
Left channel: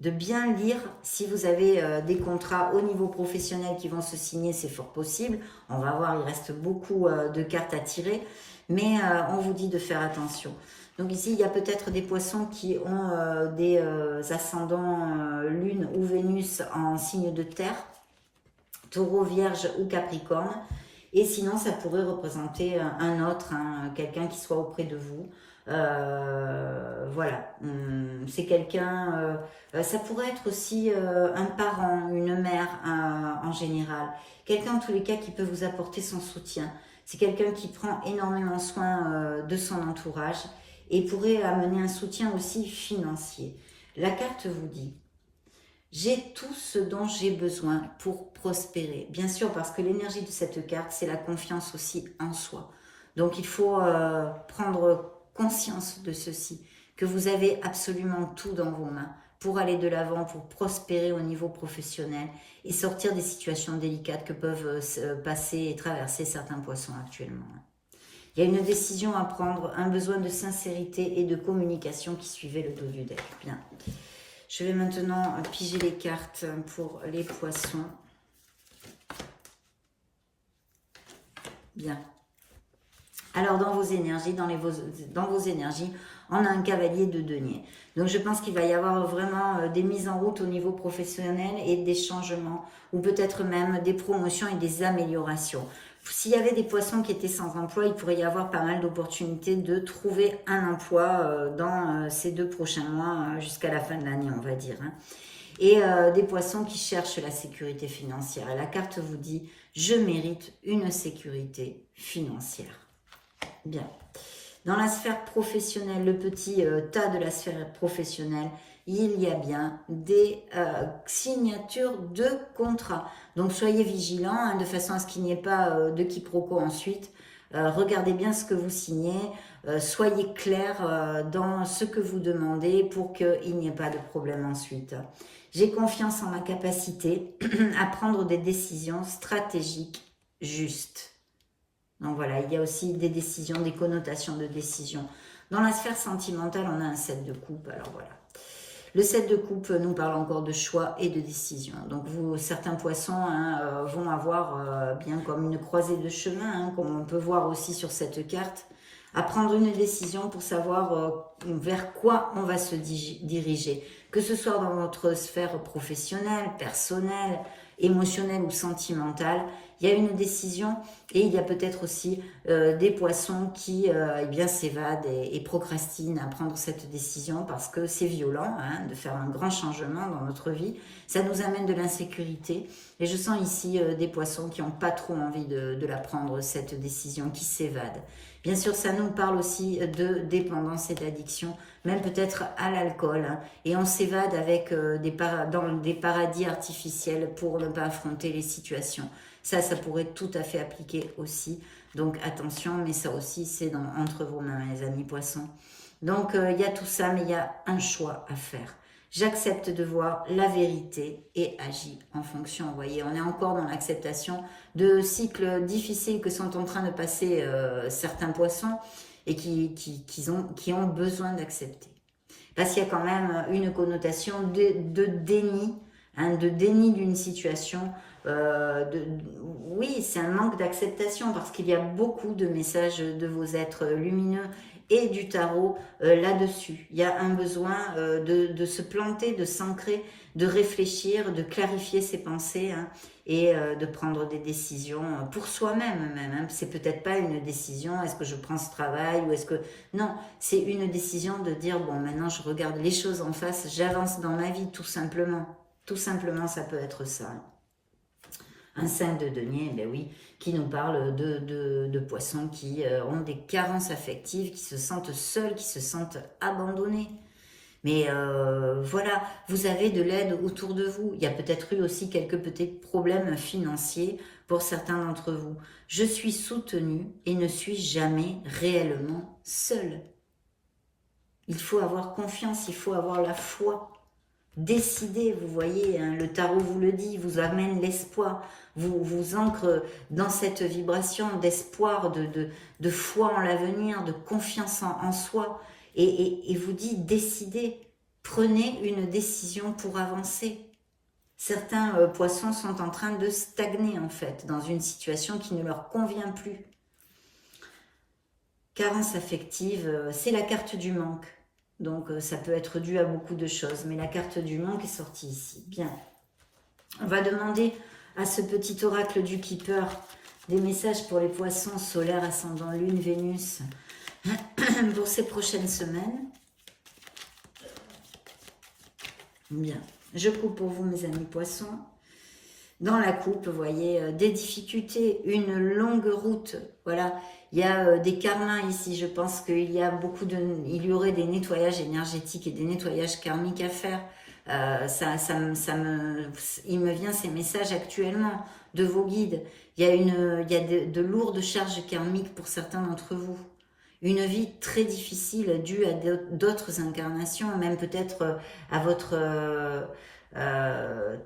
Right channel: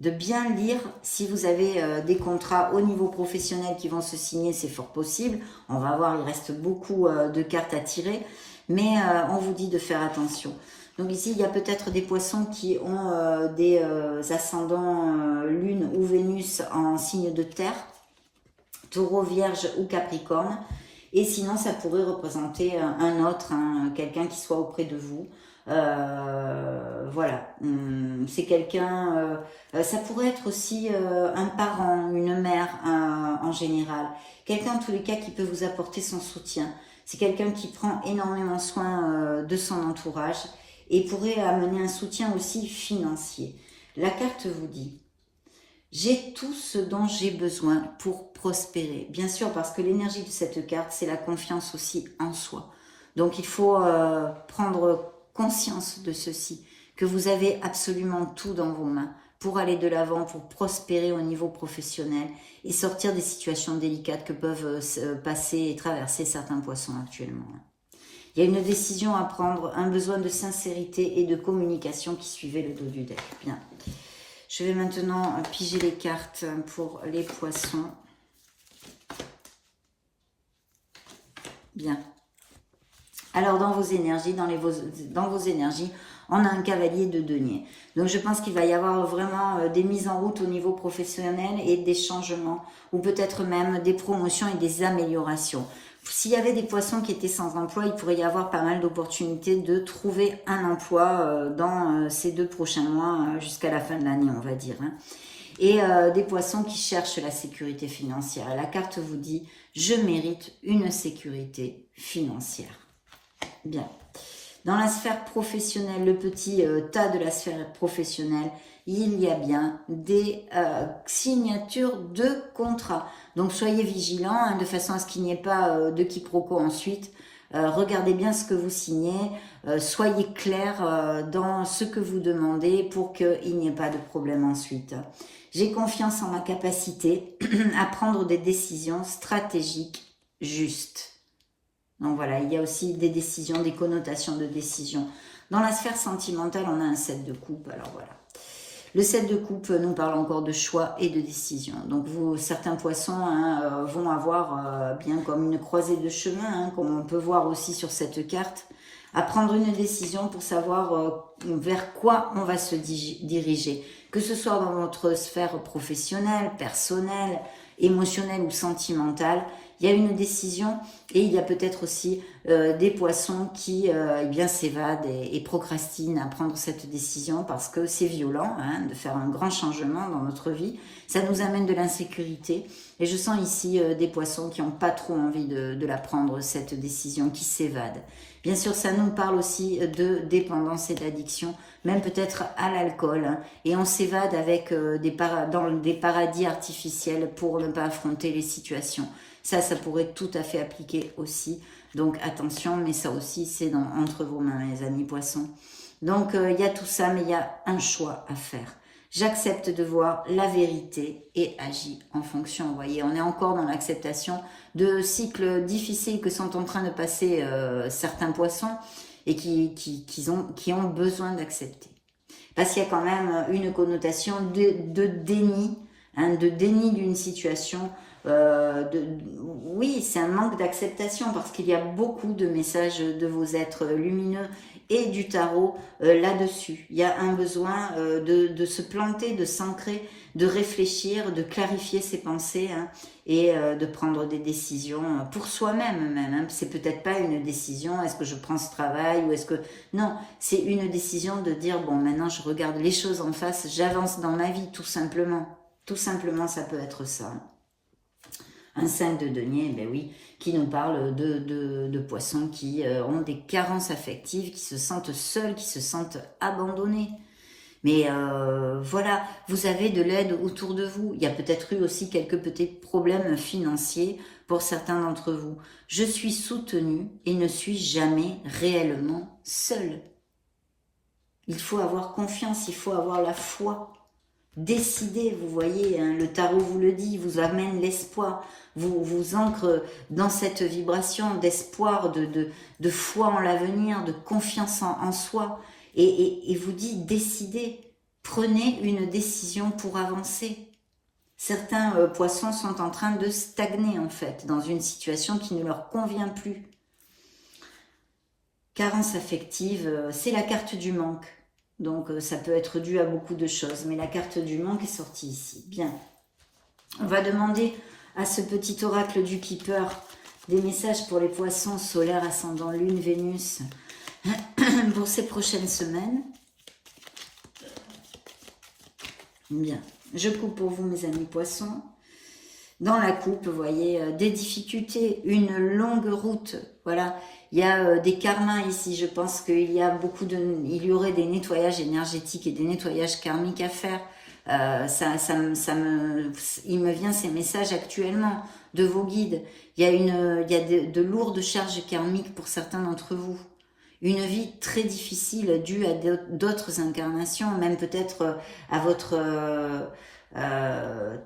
De bien lire si vous avez des contrats au niveau professionnel qui vont se signer, c'est fort possible. On va voir, il reste beaucoup de cartes à tirer, mais on vous dit de faire attention. Donc ici, il y a peut-être des poissons qui ont des ascendants Lune ou Vénus en signe de terre, Taureau, Vierge ou Capricorne. Et sinon, ça pourrait représenter un autre, hein, quelqu'un qui soit auprès de vous. Voilà, c'est quelqu'un, ça pourrait être aussi un parent, une mère en général. Quelqu'un en tous les cas qui peut vous apporter son soutien. C'est quelqu'un qui prend énormément soin de son entourage et pourrait amener un soutien aussi financier. La carte vous dit: j'ai tout ce dont j'ai besoin pour prospérer. Bien sûr, parce que l'énergie de cette carte, c'est la confiance aussi en soi. Donc, il faut prendre conscience de ceci, que vous avez absolument tout dans vos mains pour aller de l'avant, pour prospérer au niveau professionnel et sortir des situations délicates que peuvent passer et traverser certains poissons actuellement. Il y a une décision à prendre, un besoin de sincérité et de communication qui suivait le dos du deck. Bien. Je vais maintenant piger les cartes pour les poissons. Bien. Alors, dans vos énergies, dans vos énergies, on a un cavalier de denier. Donc, je pense qu'il va y avoir vraiment des mises en route au niveau professionnel et des changements, ou peut-être même des promotions et des améliorations. S'il y avait des poissons qui étaient sans emploi, il pourrait y avoir pas mal d'opportunités de trouver un emploi dans ces 2 prochains mois, jusqu'à la fin de l'année, on va dire. Hein. Et des poissons qui cherchent la sécurité financière. La carte vous dit: je mérite une sécurité financière. Bien. Dans la sphère professionnelle, le petit tas de la sphère professionnelle, il y a bien des signatures de contrats. Donc, soyez vigilants hein, de façon à ce qu'il n'y ait pas de quiproquo ensuite. Regardez bien ce que vous signez. Soyez clair dans ce que vous demandez pour qu'il n'y ait pas de problème ensuite. J'ai confiance en ma capacité à prendre des décisions stratégiques justes. Donc voilà, il y a aussi des décisions, des connotations de décision. Dans la sphère sentimentale, on a un 7 de coupe. Alors voilà. Le 7 de coupe nous parle encore de choix et de décision. Donc certains poissons hein, vont avoir bien comme une croisée de chemin, hein, comme on peut voir aussi sur cette carte, à prendre une décision pour savoir vers quoi on va se diriger. Que ce soit dans votre sphère professionnelle, personnelle, émotionnelle ou sentimentale, il y a une décision et il y a peut-être aussi des poissons qui eh bien s'évadent et procrastinent à prendre cette décision parce que c'est violent hein, de faire un grand changement dans notre vie. Ça nous amène de l'insécurité et je sens ici des poissons qui n'ont pas trop envie de la prendre, cette décision, qui s'évadent. Bien sûr, ça nous parle aussi de dépendance et d'addiction, même peut-être à l'alcool. Hein, et on s'évade avec dans des paradis artificiels pour ne pas affronter les situations. Ça pourrait tout à fait appliquer aussi. Donc attention, mais ça aussi, c'est entre vos mains, mes amis poissons. Donc il y a tout ça, mais il y a un choix à faire. J'accepte de voir la vérité et agis en fonction. Vous voyez, on est encore dans l'acceptation de cycles difficiles que sont en train de passer certains poissons et qui ont besoin d'accepter. Parce qu'il y a quand même une connotation de déni, hein, de déni d'une situation. Oui, c'est un manque d'acceptation parce qu'il y a beaucoup de messages de vos êtres lumineux et du tarot là-dessus. Il y a un besoin de se planter, de s'ancrer, de réfléchir, de clarifier ses pensées hein, et de prendre des décisions pour soi-même même. Hein. C'est peut-être pas une décision, est-ce que je prends ce travail ou est-ce que... Non, c'est une décision de dire, bon, maintenant je regarde les choses en face, j'avance dans ma vie tout simplement. Tout simplement, ça peut être ça. Un 5 de denier, ben oui, qui nous parle de poissons qui ont des carences affectives, qui se sentent seuls, qui se sentent abandonnés, Mais voilà, vous avez de l'aide autour de vous. Il y a peut-être eu aussi quelques petits problèmes financiers pour certains d'entre vous. Je suis soutenue et ne suis jamais réellement seule. Il faut avoir confiance, il faut avoir la foi. Décidez, vous voyez, hein, le tarot vous le dit, vous amène l'espoir, vous ancre dans cette vibration d'espoir, de foi en l'avenir, de confiance en soi, et vous dit, décidez, prenez une décision pour avancer. Certains poissons sont en train de stagner, en fait, dans une situation qui ne leur convient plus. Carence affective, c'est la carte du manque. Donc, ça peut être dû à beaucoup de choses. Mais la carte du manque est sortie ici. Bien. On va demander à ce petit oracle du Keeper des messages pour les poissons solaires, ascendant Lune, Vénus, pour ces prochaines semaines. Bien. Je coupe pour vous, mes amis poissons. Dans la coupe, vous voyez, des difficultés, une longue route. Voilà, il y a des karmas ici. Je pense qu'il y a il y aurait des nettoyages énergétiques et des nettoyages karmiques à faire. Il me vient ces messages actuellement de vos guides. Il y a de lourdes charges karmiques pour certains d'entre vous. Une vie très difficile due à d'autres incarnations, même peut-être à votre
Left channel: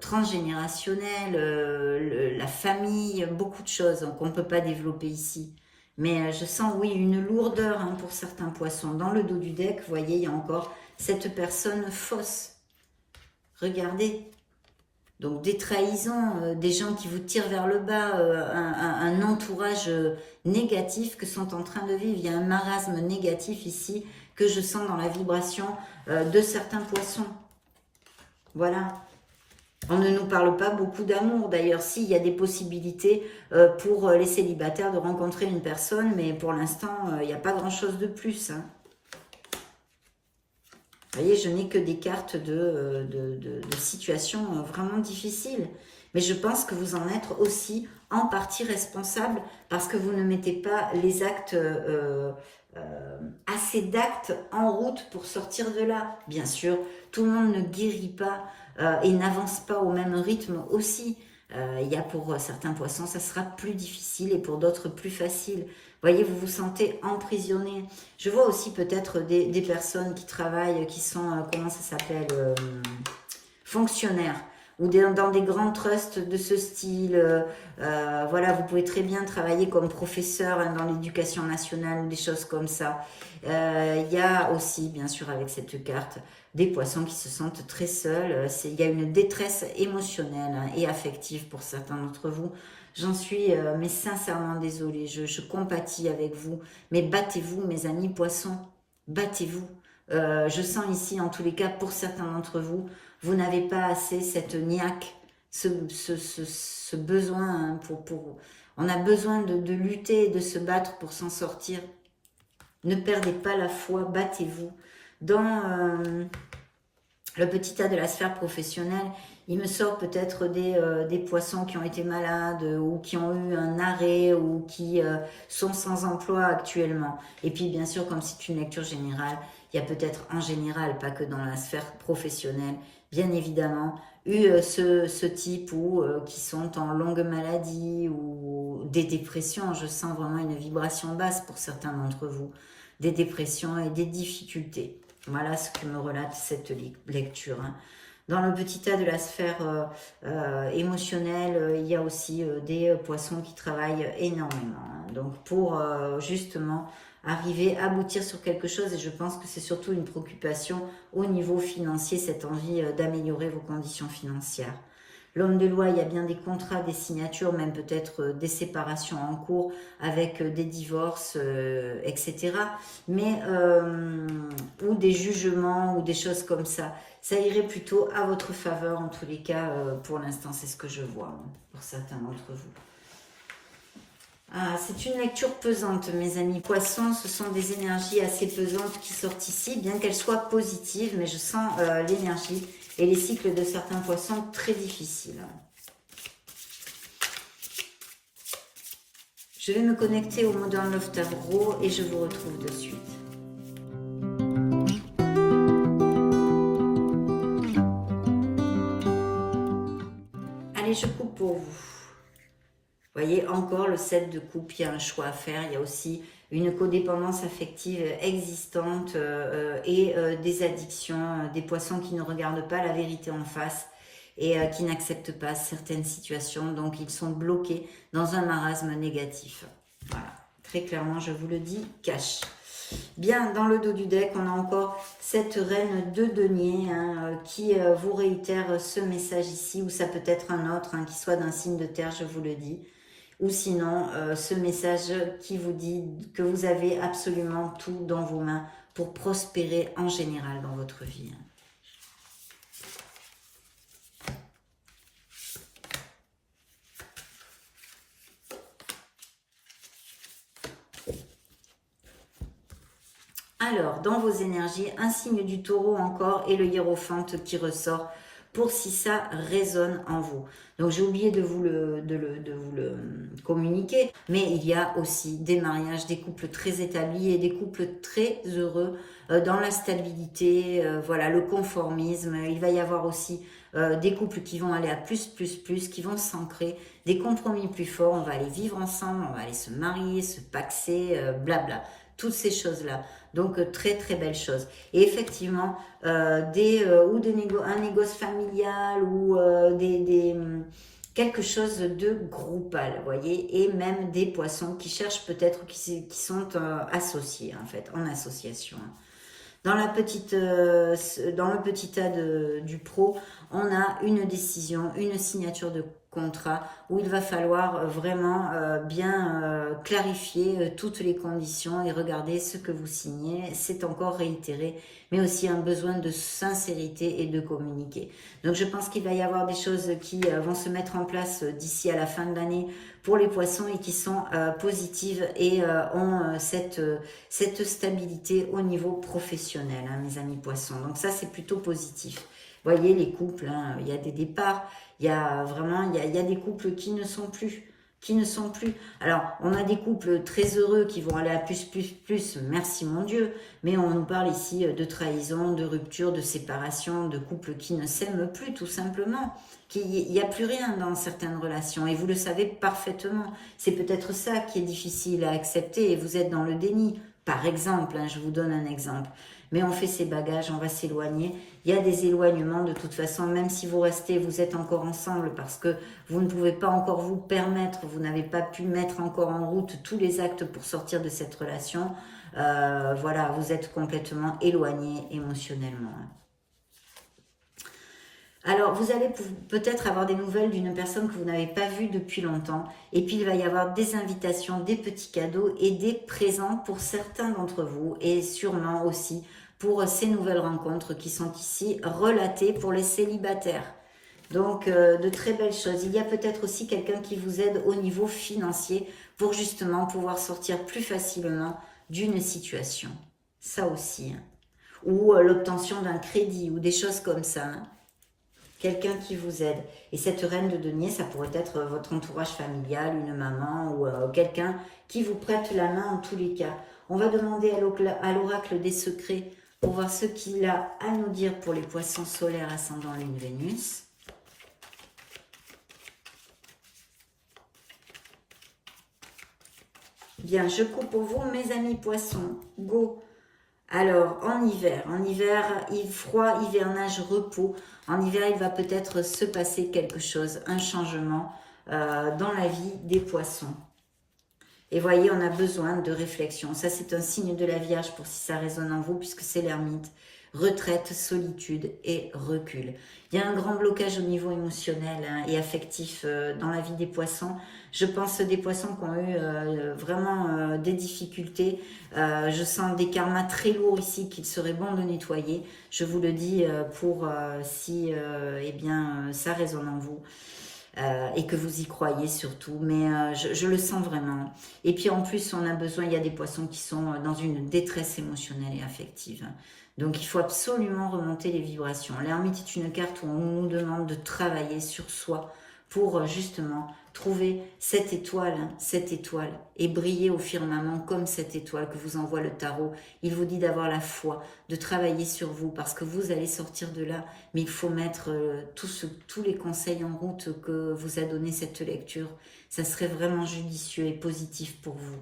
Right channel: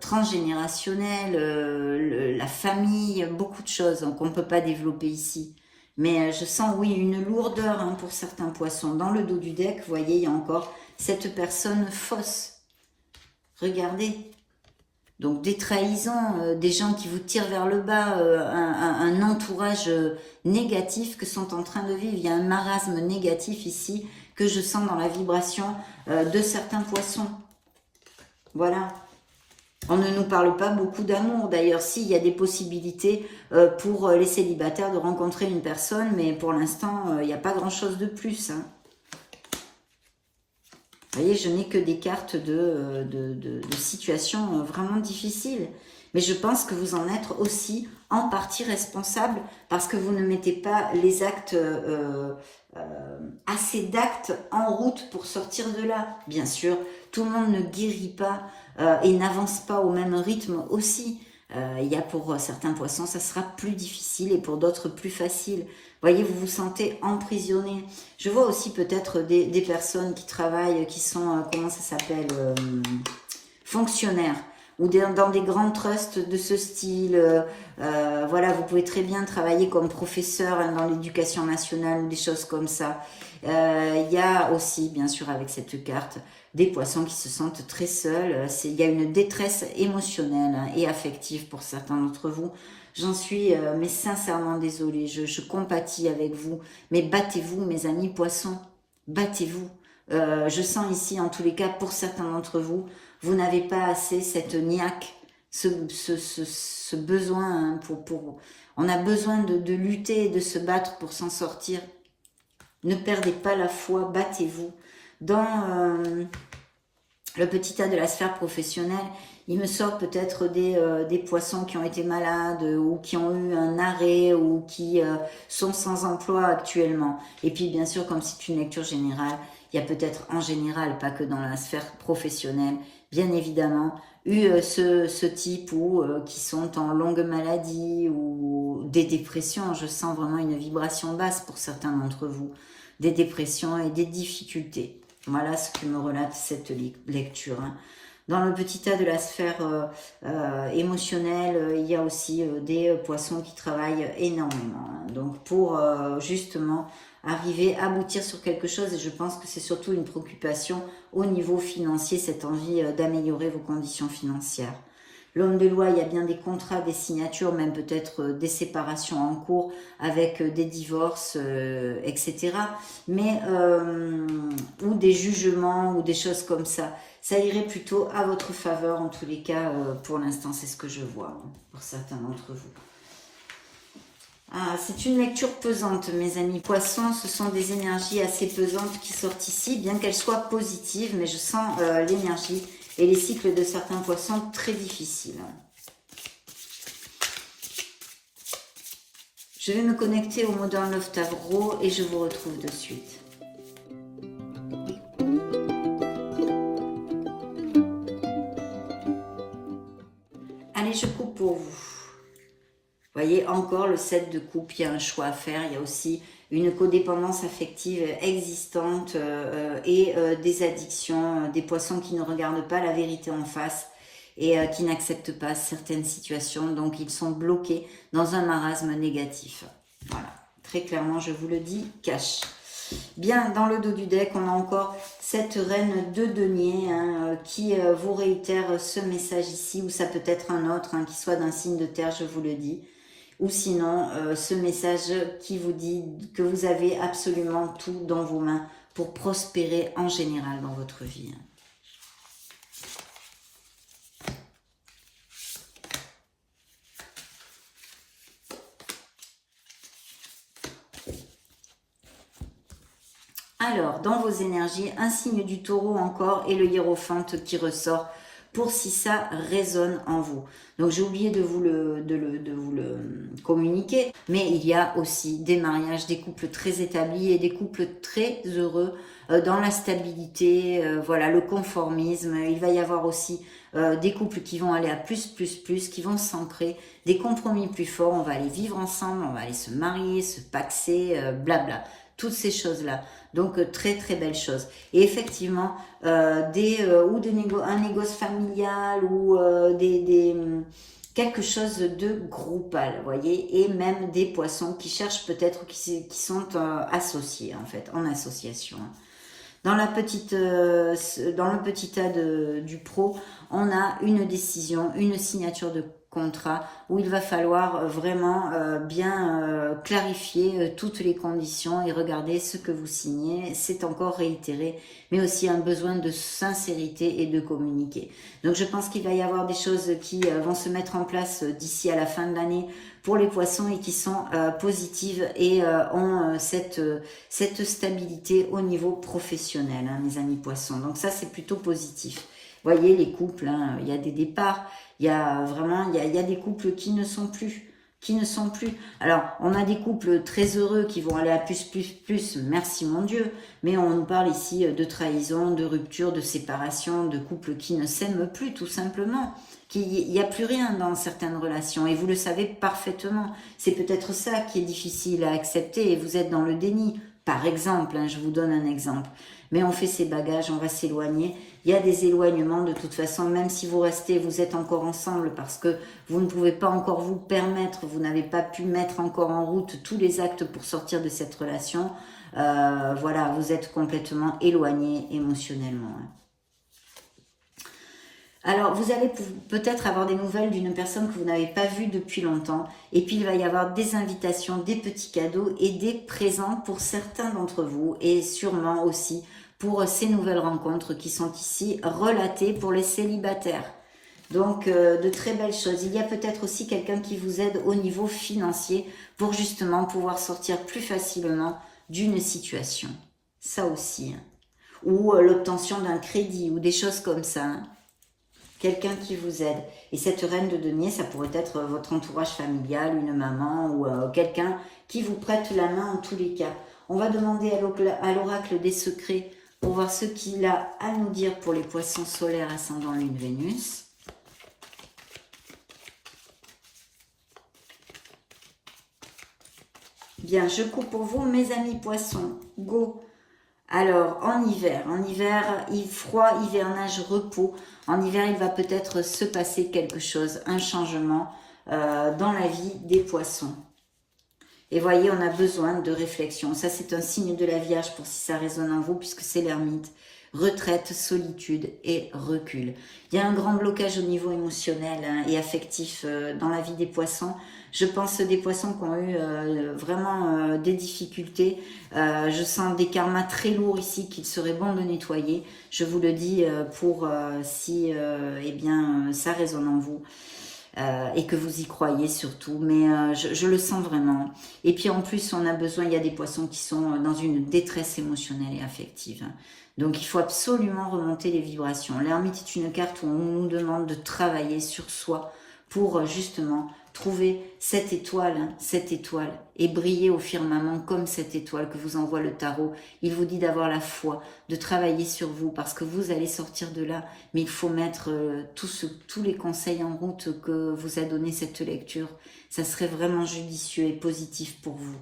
transgénérationnel, la famille, beaucoup de choses qu'on ne peut pas développer ici. Mais je sens, oui, une lourdeur hein, pour certains poissons. Dans le dos du deck, vous voyez, il y a encore cette personne fausse. Regardez. Donc des trahisons, des gens qui vous tirent vers le bas, un entourage négatif que sont en train de vivre. Il y a un marasme négatif ici que je sens dans la vibration de certains poissons. Voilà. On ne nous parle pas beaucoup d'amour. D'ailleurs, s'il y a des possibilités pour les célibataires de rencontrer une personne, mais pour l'instant, il n'y a pas grand-chose de plus. Hein. Vous voyez, je n'ai que des cartes de situations vraiment difficiles. Mais je pense que vous en êtes aussi en partie responsable parce que vous ne mettez pas les actes, assez d'actes en route pour sortir de là. Bien sûr, tout le monde ne guérit pas et n'avance pas au même rythme aussi. Il y a pour certains poissons, ça sera plus difficile et pour d'autres plus facile. Vous voyez, vous vous sentez emprisonné. Je vois aussi peut-être des personnes qui travaillent, qui sont, comment ça s'appelle, fonctionnaires, ou dans des grands trusts de ce style. Voilà, vous pouvez très bien travailler comme professeur hein, dans l'éducation nationale ou des choses comme ça. Il y a aussi, bien sûr, avec cette carte, des poissons qui se sentent très seuls. Il y a une détresse émotionnelle et affective pour certains d'entre vous. J'en suis, mais sincèrement désolée, je compatis avec vous. Mais battez-vous, mes amis poissons, battez-vous. Je sens ici, en tous les cas, pour certains d'entre vous, vous n'avez pas assez cette niaque, ce besoin, hein, on a besoin de lutter et de se battre pour s'en sortir. Ne perdez pas la foi, battez-vous. Dans le petit tas de la sphère professionnelle, il me sort peut-être des poissons qui ont été malades ou qui ont eu un arrêt ou qui sont sans emploi actuellement. Et puis bien sûr, comme c'est une lecture générale, il y a peut-être en général, pas que dans la sphère professionnelle, bien évidemment, eu ce type qui sont en longue maladie ou des dépressions. Je sens vraiment une vibration basse pour certains d'entre vous. Des dépressions et des difficultés. Voilà ce que me relate cette lecture. Hein. Dans le petit tas de la sphère émotionnelle, il y a aussi des poissons qui travaillent énormément. Hein. Donc pour justement arriver à aboutir sur quelque chose, et je pense que c'est surtout une préoccupation au niveau financier, cette envie d'améliorer vos conditions financières. L'homme de loi, il y a bien des contrats, des signatures, même peut-être des séparations en cours avec des divorces, etc. Mais, ou des jugements ou des choses comme ça. Ça irait plutôt à votre faveur, en tous les cas, pour l'instant, c'est ce que je vois, hein, pour certains d'entre vous. Ah, c'est une lecture pesante, mes amis poissons. Ce sont des énergies assez pesantes qui sortent ici, bien qu'elles soient positives, mais je sens l'énergie et les cycles de certains poissons très difficiles. Je vais me connecter au Modern Love Tarot et je vous retrouve de suite. Allez, je coupe pour vous. Vous voyez, encore le 7 de coupe, il y a un choix à faire. Il y a aussi une codépendance affective existante et des addictions, des poissons qui ne regardent pas la vérité en face et qui n'acceptent pas certaines situations. Donc, ils sont bloqués dans un marasme négatif. Voilà, très clairement, je vous le dis, cash. Bien, dans le dos du deck, on a encore cette reine de denier qui vous réitère ce message ici, ou ça peut être un autre, qui soit d'un signe de terre, je vous le dis. Ou sinon, ce message qui vous dit que vous avez absolument tout dans vos mains pour prospérer en général dans votre vie. Alors, dans vos énergies, un signe du taureau encore et le hiérophante qui ressort pour si ça résonne en vous. Donc, j'ai oublié de vous le communiquer, mais il y a aussi des mariages, des couples très établis et des couples très heureux dans la stabilité, voilà, le conformisme. Il va y avoir aussi des couples qui vont aller à plus, qui vont s'ancrer, des compromis plus forts, on va aller vivre ensemble, on va aller se marier, se paxer, blabla, toutes ces choses-là. Donc, très, très belle chose. Et effectivement, un négoce familial ou quelque chose de groupal, vous voyez, et même des poissons qui cherchent peut-être, qui sont associés, en fait, en association. Dans le petit tas du pro, on a une décision, une signature de contrat où il va falloir vraiment bien clarifier toutes les conditions et regarder ce que vous signez. C'est encore réitéré, mais aussi un besoin de sincérité et de communiquer. Donc je pense qu'il va y avoir des choses qui vont se mettre en place d'ici à la fin de l'année pour les poissons et qui sont positives et ont cette stabilité au niveau professionnel, mes amis poissons. Donc ça, c'est plutôt positif. Vous voyez, les couples, il y a des départs, il y a vraiment, il y a des couples qui ne sont plus. Alors, on a des couples très heureux qui vont aller à plus, merci mon Dieu, mais on nous parle ici de trahison, de rupture, de séparation, de couples qui ne s'aiment plus, tout simplement. Il n'y a plus rien dans certaines relations, et vous le savez parfaitement. C'est peut-être ça qui est difficile à accepter, et vous êtes dans le déni. Par exemple, je vous donne un exemple. Mais on fait ses bagages, on va s'éloigner. Il y a des éloignements de toute façon, même si vous restez, vous êtes encore ensemble parce que vous ne pouvez pas encore vous permettre, vous n'avez pas pu mettre encore en route tous les actes pour sortir de cette relation. Voilà, vous êtes complètement éloigné émotionnellement. Alors, vous allez peut-être avoir des nouvelles d'une personne que vous n'avez pas vue depuis longtemps. Et puis, il va y avoir des invitations, des petits cadeaux et des présents pour certains d'entre vous. Et sûrement aussi pour ces nouvelles rencontres qui sont ici relatées pour les célibataires. Donc, de très belles choses. Il y a peut-être aussi quelqu'un qui vous aide au niveau financier pour justement pouvoir sortir plus facilement d'une situation. Ça aussi. Ou l'obtention d'un crédit ou des choses comme ça. Quelqu'un qui vous aide. Et cette reine de denier, ça pourrait être votre entourage familial, une maman ou quelqu'un qui vous prête la main en tous les cas. On va demander à l'oracle des secrets pour voir ce qu'il a à nous dire pour les poissons solaires ascendant lune Vénus. Bien, je coupe pour vous, mes amis poissons. Go! Alors, en hiver, froid, hivernage, repos. En hiver, il va peut-être se passer quelque chose, un changement dans la vie des poissons. Et voyez, on a besoin de réflexion. Ça, c'est un signe de la Vierge pour si ça résonne en vous, puisque c'est l'ermite. Retraite, solitude et recul. Il y a un grand blocage au niveau émotionnel et affectif dans la vie des poissons. Je pense des poissons qui ont eu vraiment des difficultés. Je sens des karmas très lourds ici qu'il serait bon de nettoyer. Je vous le dis pour si eh bien, ça résonne en vous. Et que vous y croyez surtout, mais je le sens vraiment. Et puis en plus, on a besoin, il y a des poissons qui sont dans une détresse émotionnelle et affective. Donc il faut absolument remonter les vibrations. L'ermite est une carte où on nous demande de travailler sur soi pour justement Trouvez cette étoile, et brillez au firmament comme cette étoile que vous envoie le tarot. Il vous dit d'avoir la foi, de travailler sur vous parce que vous allez sortir de là. Mais il faut mettre tous les conseils en route que vous a donné cette lecture. Ça serait vraiment judicieux et positif pour vous.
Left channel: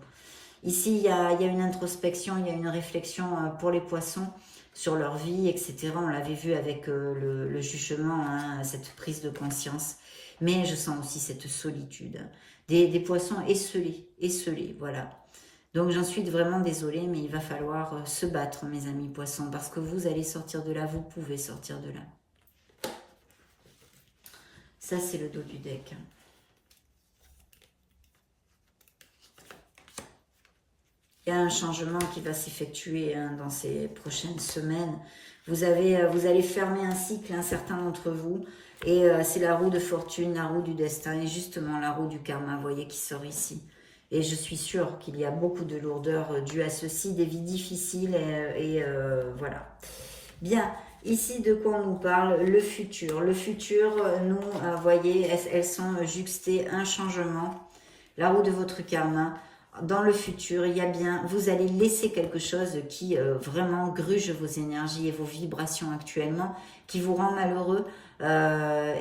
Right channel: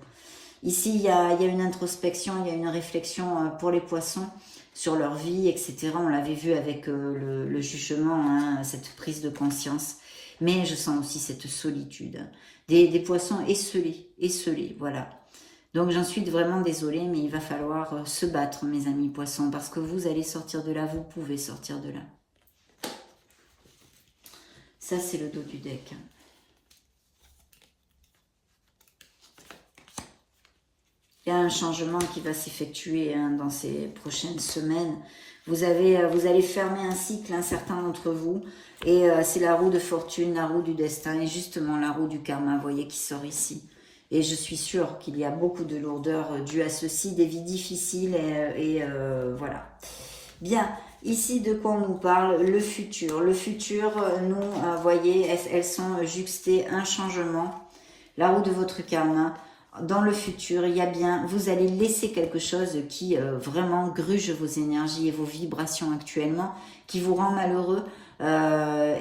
Ici, il y a une introspection, il y a une réflexion pour les poissons sur leur vie, etc. On l'avait vu avec le jugement, hein, cette prise de conscience. Mais je sens aussi cette solitude. Des poissons esselés, voilà. Donc j'en suis vraiment désolée, mais il va falloir se battre, mes amis poissons, parce que vous allez sortir de là, vous pouvez sortir de là. Ça, c'est le dos du deck. Il y a un changement qui va s'effectuer dans ces prochaines semaines. Vous allez fermer un cycle, un certain d'entre vous. Et c'est la roue de fortune, la roue du destin. Et justement, la roue du karma, vous voyez, qui sort ici. Et je suis sûre qu'il y a beaucoup de lourdeur due à ceci, des vies difficiles. Voilà. Bien, ici, de quoi on nous parle? Le futur. Le futur, nous, vous voyez, elles sont juxtées, un changement. La roue de votre karma. Dans le futur, il y a bien, vous allez laisser quelque chose qui vraiment gruge vos énergies et vos vibrations actuellement, qui vous rend malheureux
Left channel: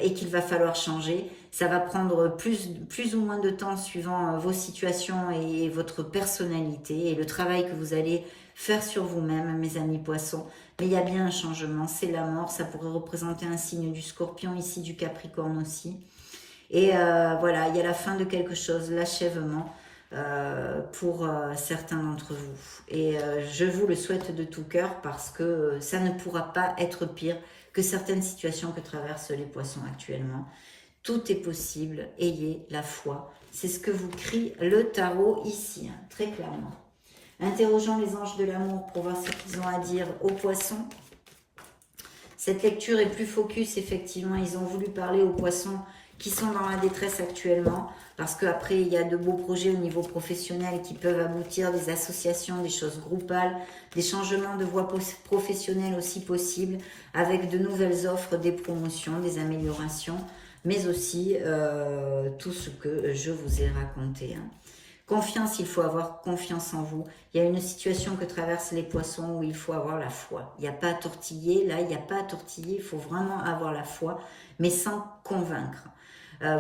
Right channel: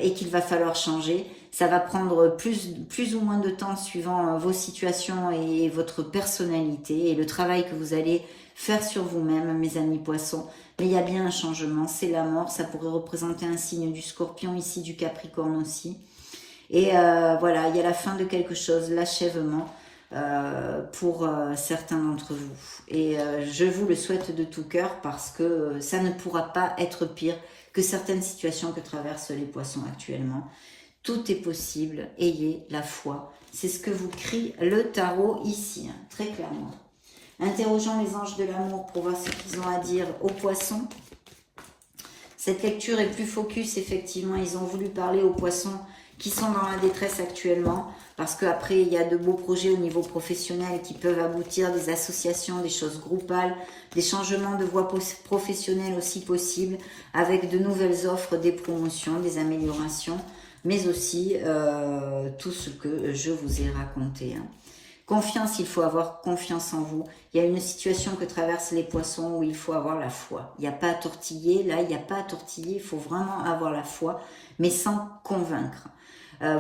et qu'il va falloir changer. Ça va prendre plus ou moins de temps suivant vos situations et votre personnalité et le travail que vous allez faire sur vous-même, mes amis poissons. Mais il y a bien un changement, c'est la mort. Ça pourrait représenter un signe du Scorpion ici, du Capricorne aussi. Et voilà, il y a la fin de quelque chose, l'achèvement. Pour certains d'entre vous. Et je vous le souhaite de tout cœur parce que ça ne pourra pas être pire que certaines situations que traversent les poissons actuellement. Tout est possible, ayez la foi. C'est ce que vous crie le tarot ici, hein, très clairement. Interrogeons les anges de l'amour pour voir ce qu'ils ont à dire aux poissons. Cette lecture est plus focus, effectivement. Ils ont voulu parler aux poissons qui sont dans la détresse actuellement, parce qu'après, il y a de beaux projets au niveau professionnel qui peuvent aboutir, des associations, des choses groupales, des changements de voie professionnelle aussi possibles, avec de nouvelles offres, des promotions, des améliorations, mais aussi tout ce que je vous ai raconté. Hein. Confiance, il faut avoir confiance en vous. Il y a une situation que traversent les poissons où il faut avoir la foi. Il n'y a pas à tortiller, là, il n'y a pas à tortiller, il faut vraiment avoir la foi, mais sans convaincre.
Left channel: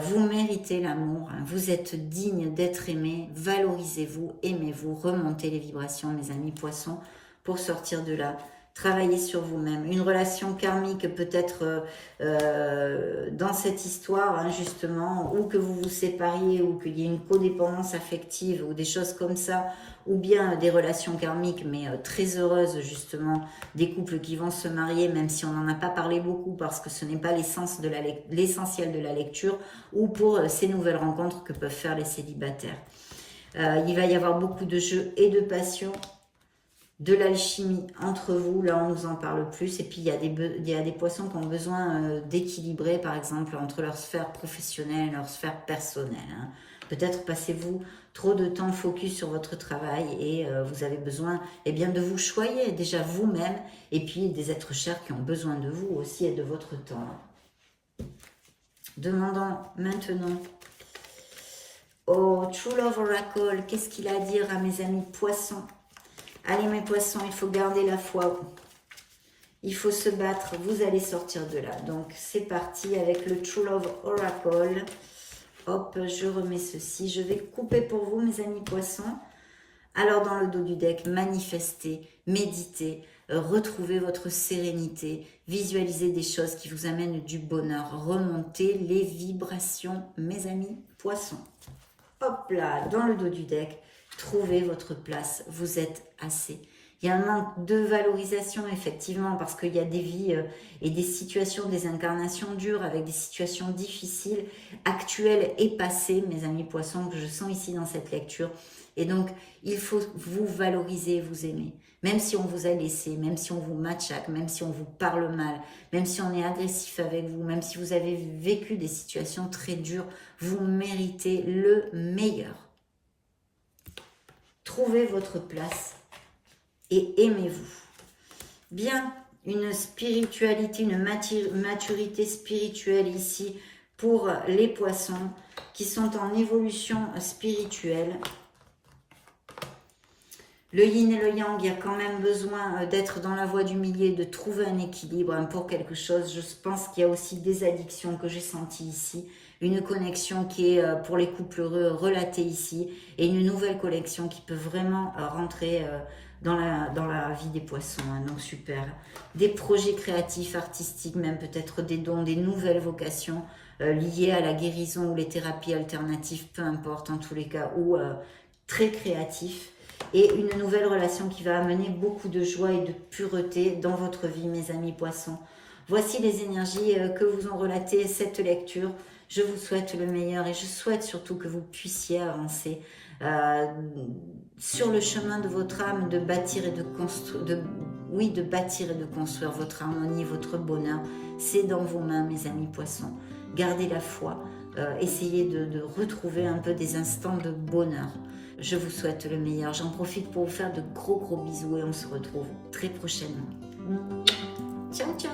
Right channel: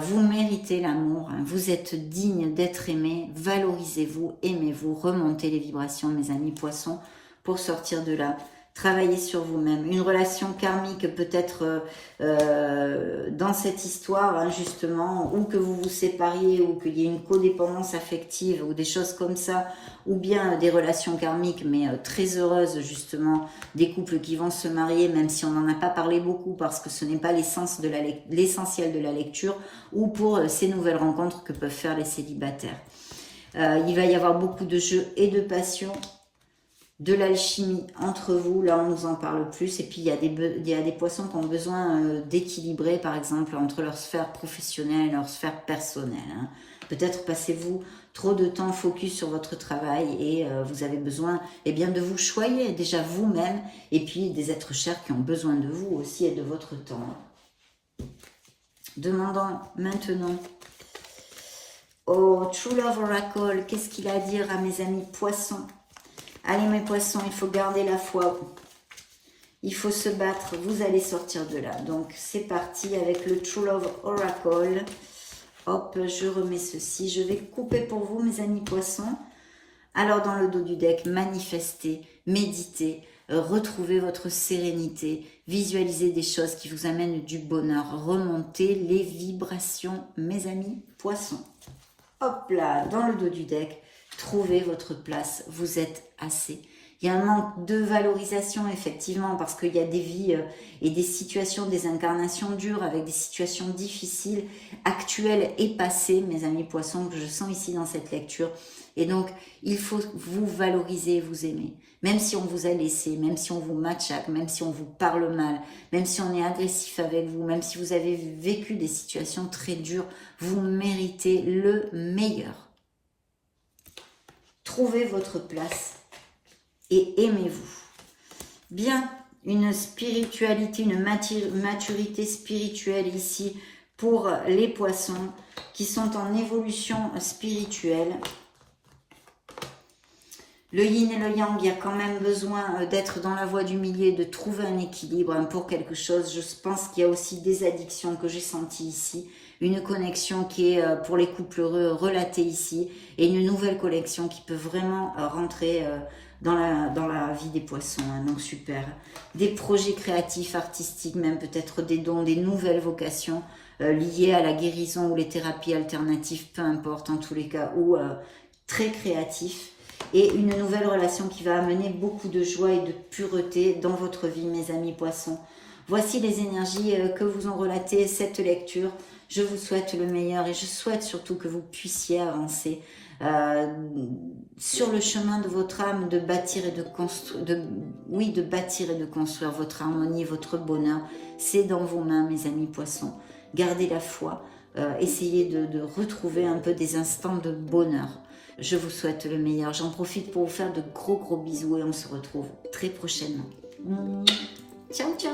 Vous méritez l'amour, hein. Vous êtes digne d'être aimé, valorisez-vous, aimez-vous, remontez les vibrations, mes amis poissons, pour sortir de là. Travaillez sur vous-même. Une relation karmique peut-être dans cette histoire, hein, justement, ou que vous vous sépariez, ou qu'il y ait une codépendance affective, ou des choses comme ça, ou bien des relations karmiques, mais très heureuses, justement, des couples qui vont se marier, même si on n'en a pas parlé beaucoup, parce que ce n'est pas l'essentiel de la lecture, ou pour ces nouvelles rencontres que peuvent faire les célibataires. Il va y avoir beaucoup de jeux et de passion, de l'alchimie entre vous, là on nous en parle plus, et puis il y a des poissons qui ont besoin d'équilibrer, par exemple, entre leur sphère professionnelle et leur sphère personnelle. Hein. Peut-être passez-vous trop de temps focus sur votre travail et vous avez besoin bien, de vous choyer déjà vous-même, et puis des êtres chers qui ont besoin de vous aussi et de votre temps. Demandons maintenant au True Love Oracle, qu'est-ce qu'il a à dire à mes amis poissons? Allez mes poissons, il faut garder la foi. Il faut se battre, vous allez sortir de là. Donc c'est parti avec le True Love Oracle. Hop, je remets ceci. Je vais couper pour vous mes amis poissons. Alors dans le dos du deck, manifestez, méditez, retrouvez votre sérénité, visualisez des choses qui vous amènent du bonheur. Remontez les vibrations mes amis poissons. Hop là, dans le dos du deck. Trouvez votre place, vous êtes assez. Il y a un manque de valorisation, effectivement, parce qu'il y a des vies et des situations, des incarnations dures, avec des situations difficiles, actuelles et passées, mes amis poissons, que je sens ici dans cette lecture. Et donc, il faut vous valoriser, vous aimer. Même si on vous a laissé, même si on vous machaque, même si on vous parle mal, même si on est agressif avec vous, même si vous avez vécu des situations très dures, vous méritez le meilleur. Trouvez votre place et aimez-vous. Bien, une spiritualité, une maturité spirituelle ici pour les poissons qui sont en évolution spirituelle. Le yin et le yang, il y a quand même besoin d'être dans la voie du milieu, de trouver un équilibre pour quelque chose. Je pense qu'il y a aussi des addictions que j'ai senties ici. Une connexion qui est pour les couples heureux relatée ici. Et une nouvelle connexion qui peut vraiment rentrer dans la vie des poissons. Donc super. Des projets créatifs, artistiques, même peut-être des dons, des nouvelles vocations liées à la guérison ou les thérapies alternatives, peu importe en tous les cas, ou très créatifs. Et une nouvelle relation qui va amener beaucoup de joie et de pureté dans votre vie, mes amis poissons. Voici les énergies que vous ont relatées cette lecture. Je vous souhaite le meilleur et je souhaite surtout que vous puissiez avancer sur le chemin de votre âme, de bâtir et de construire, de bâtir et de construire votre harmonie, votre bonheur. C'est dans vos mains, mes amis poissons. Gardez la foi, essayez de retrouver un peu des instants de bonheur. Je vous souhaite le meilleur. J'en profite pour vous faire de gros bisous et on se retrouve très prochainement. Ciao, ciao!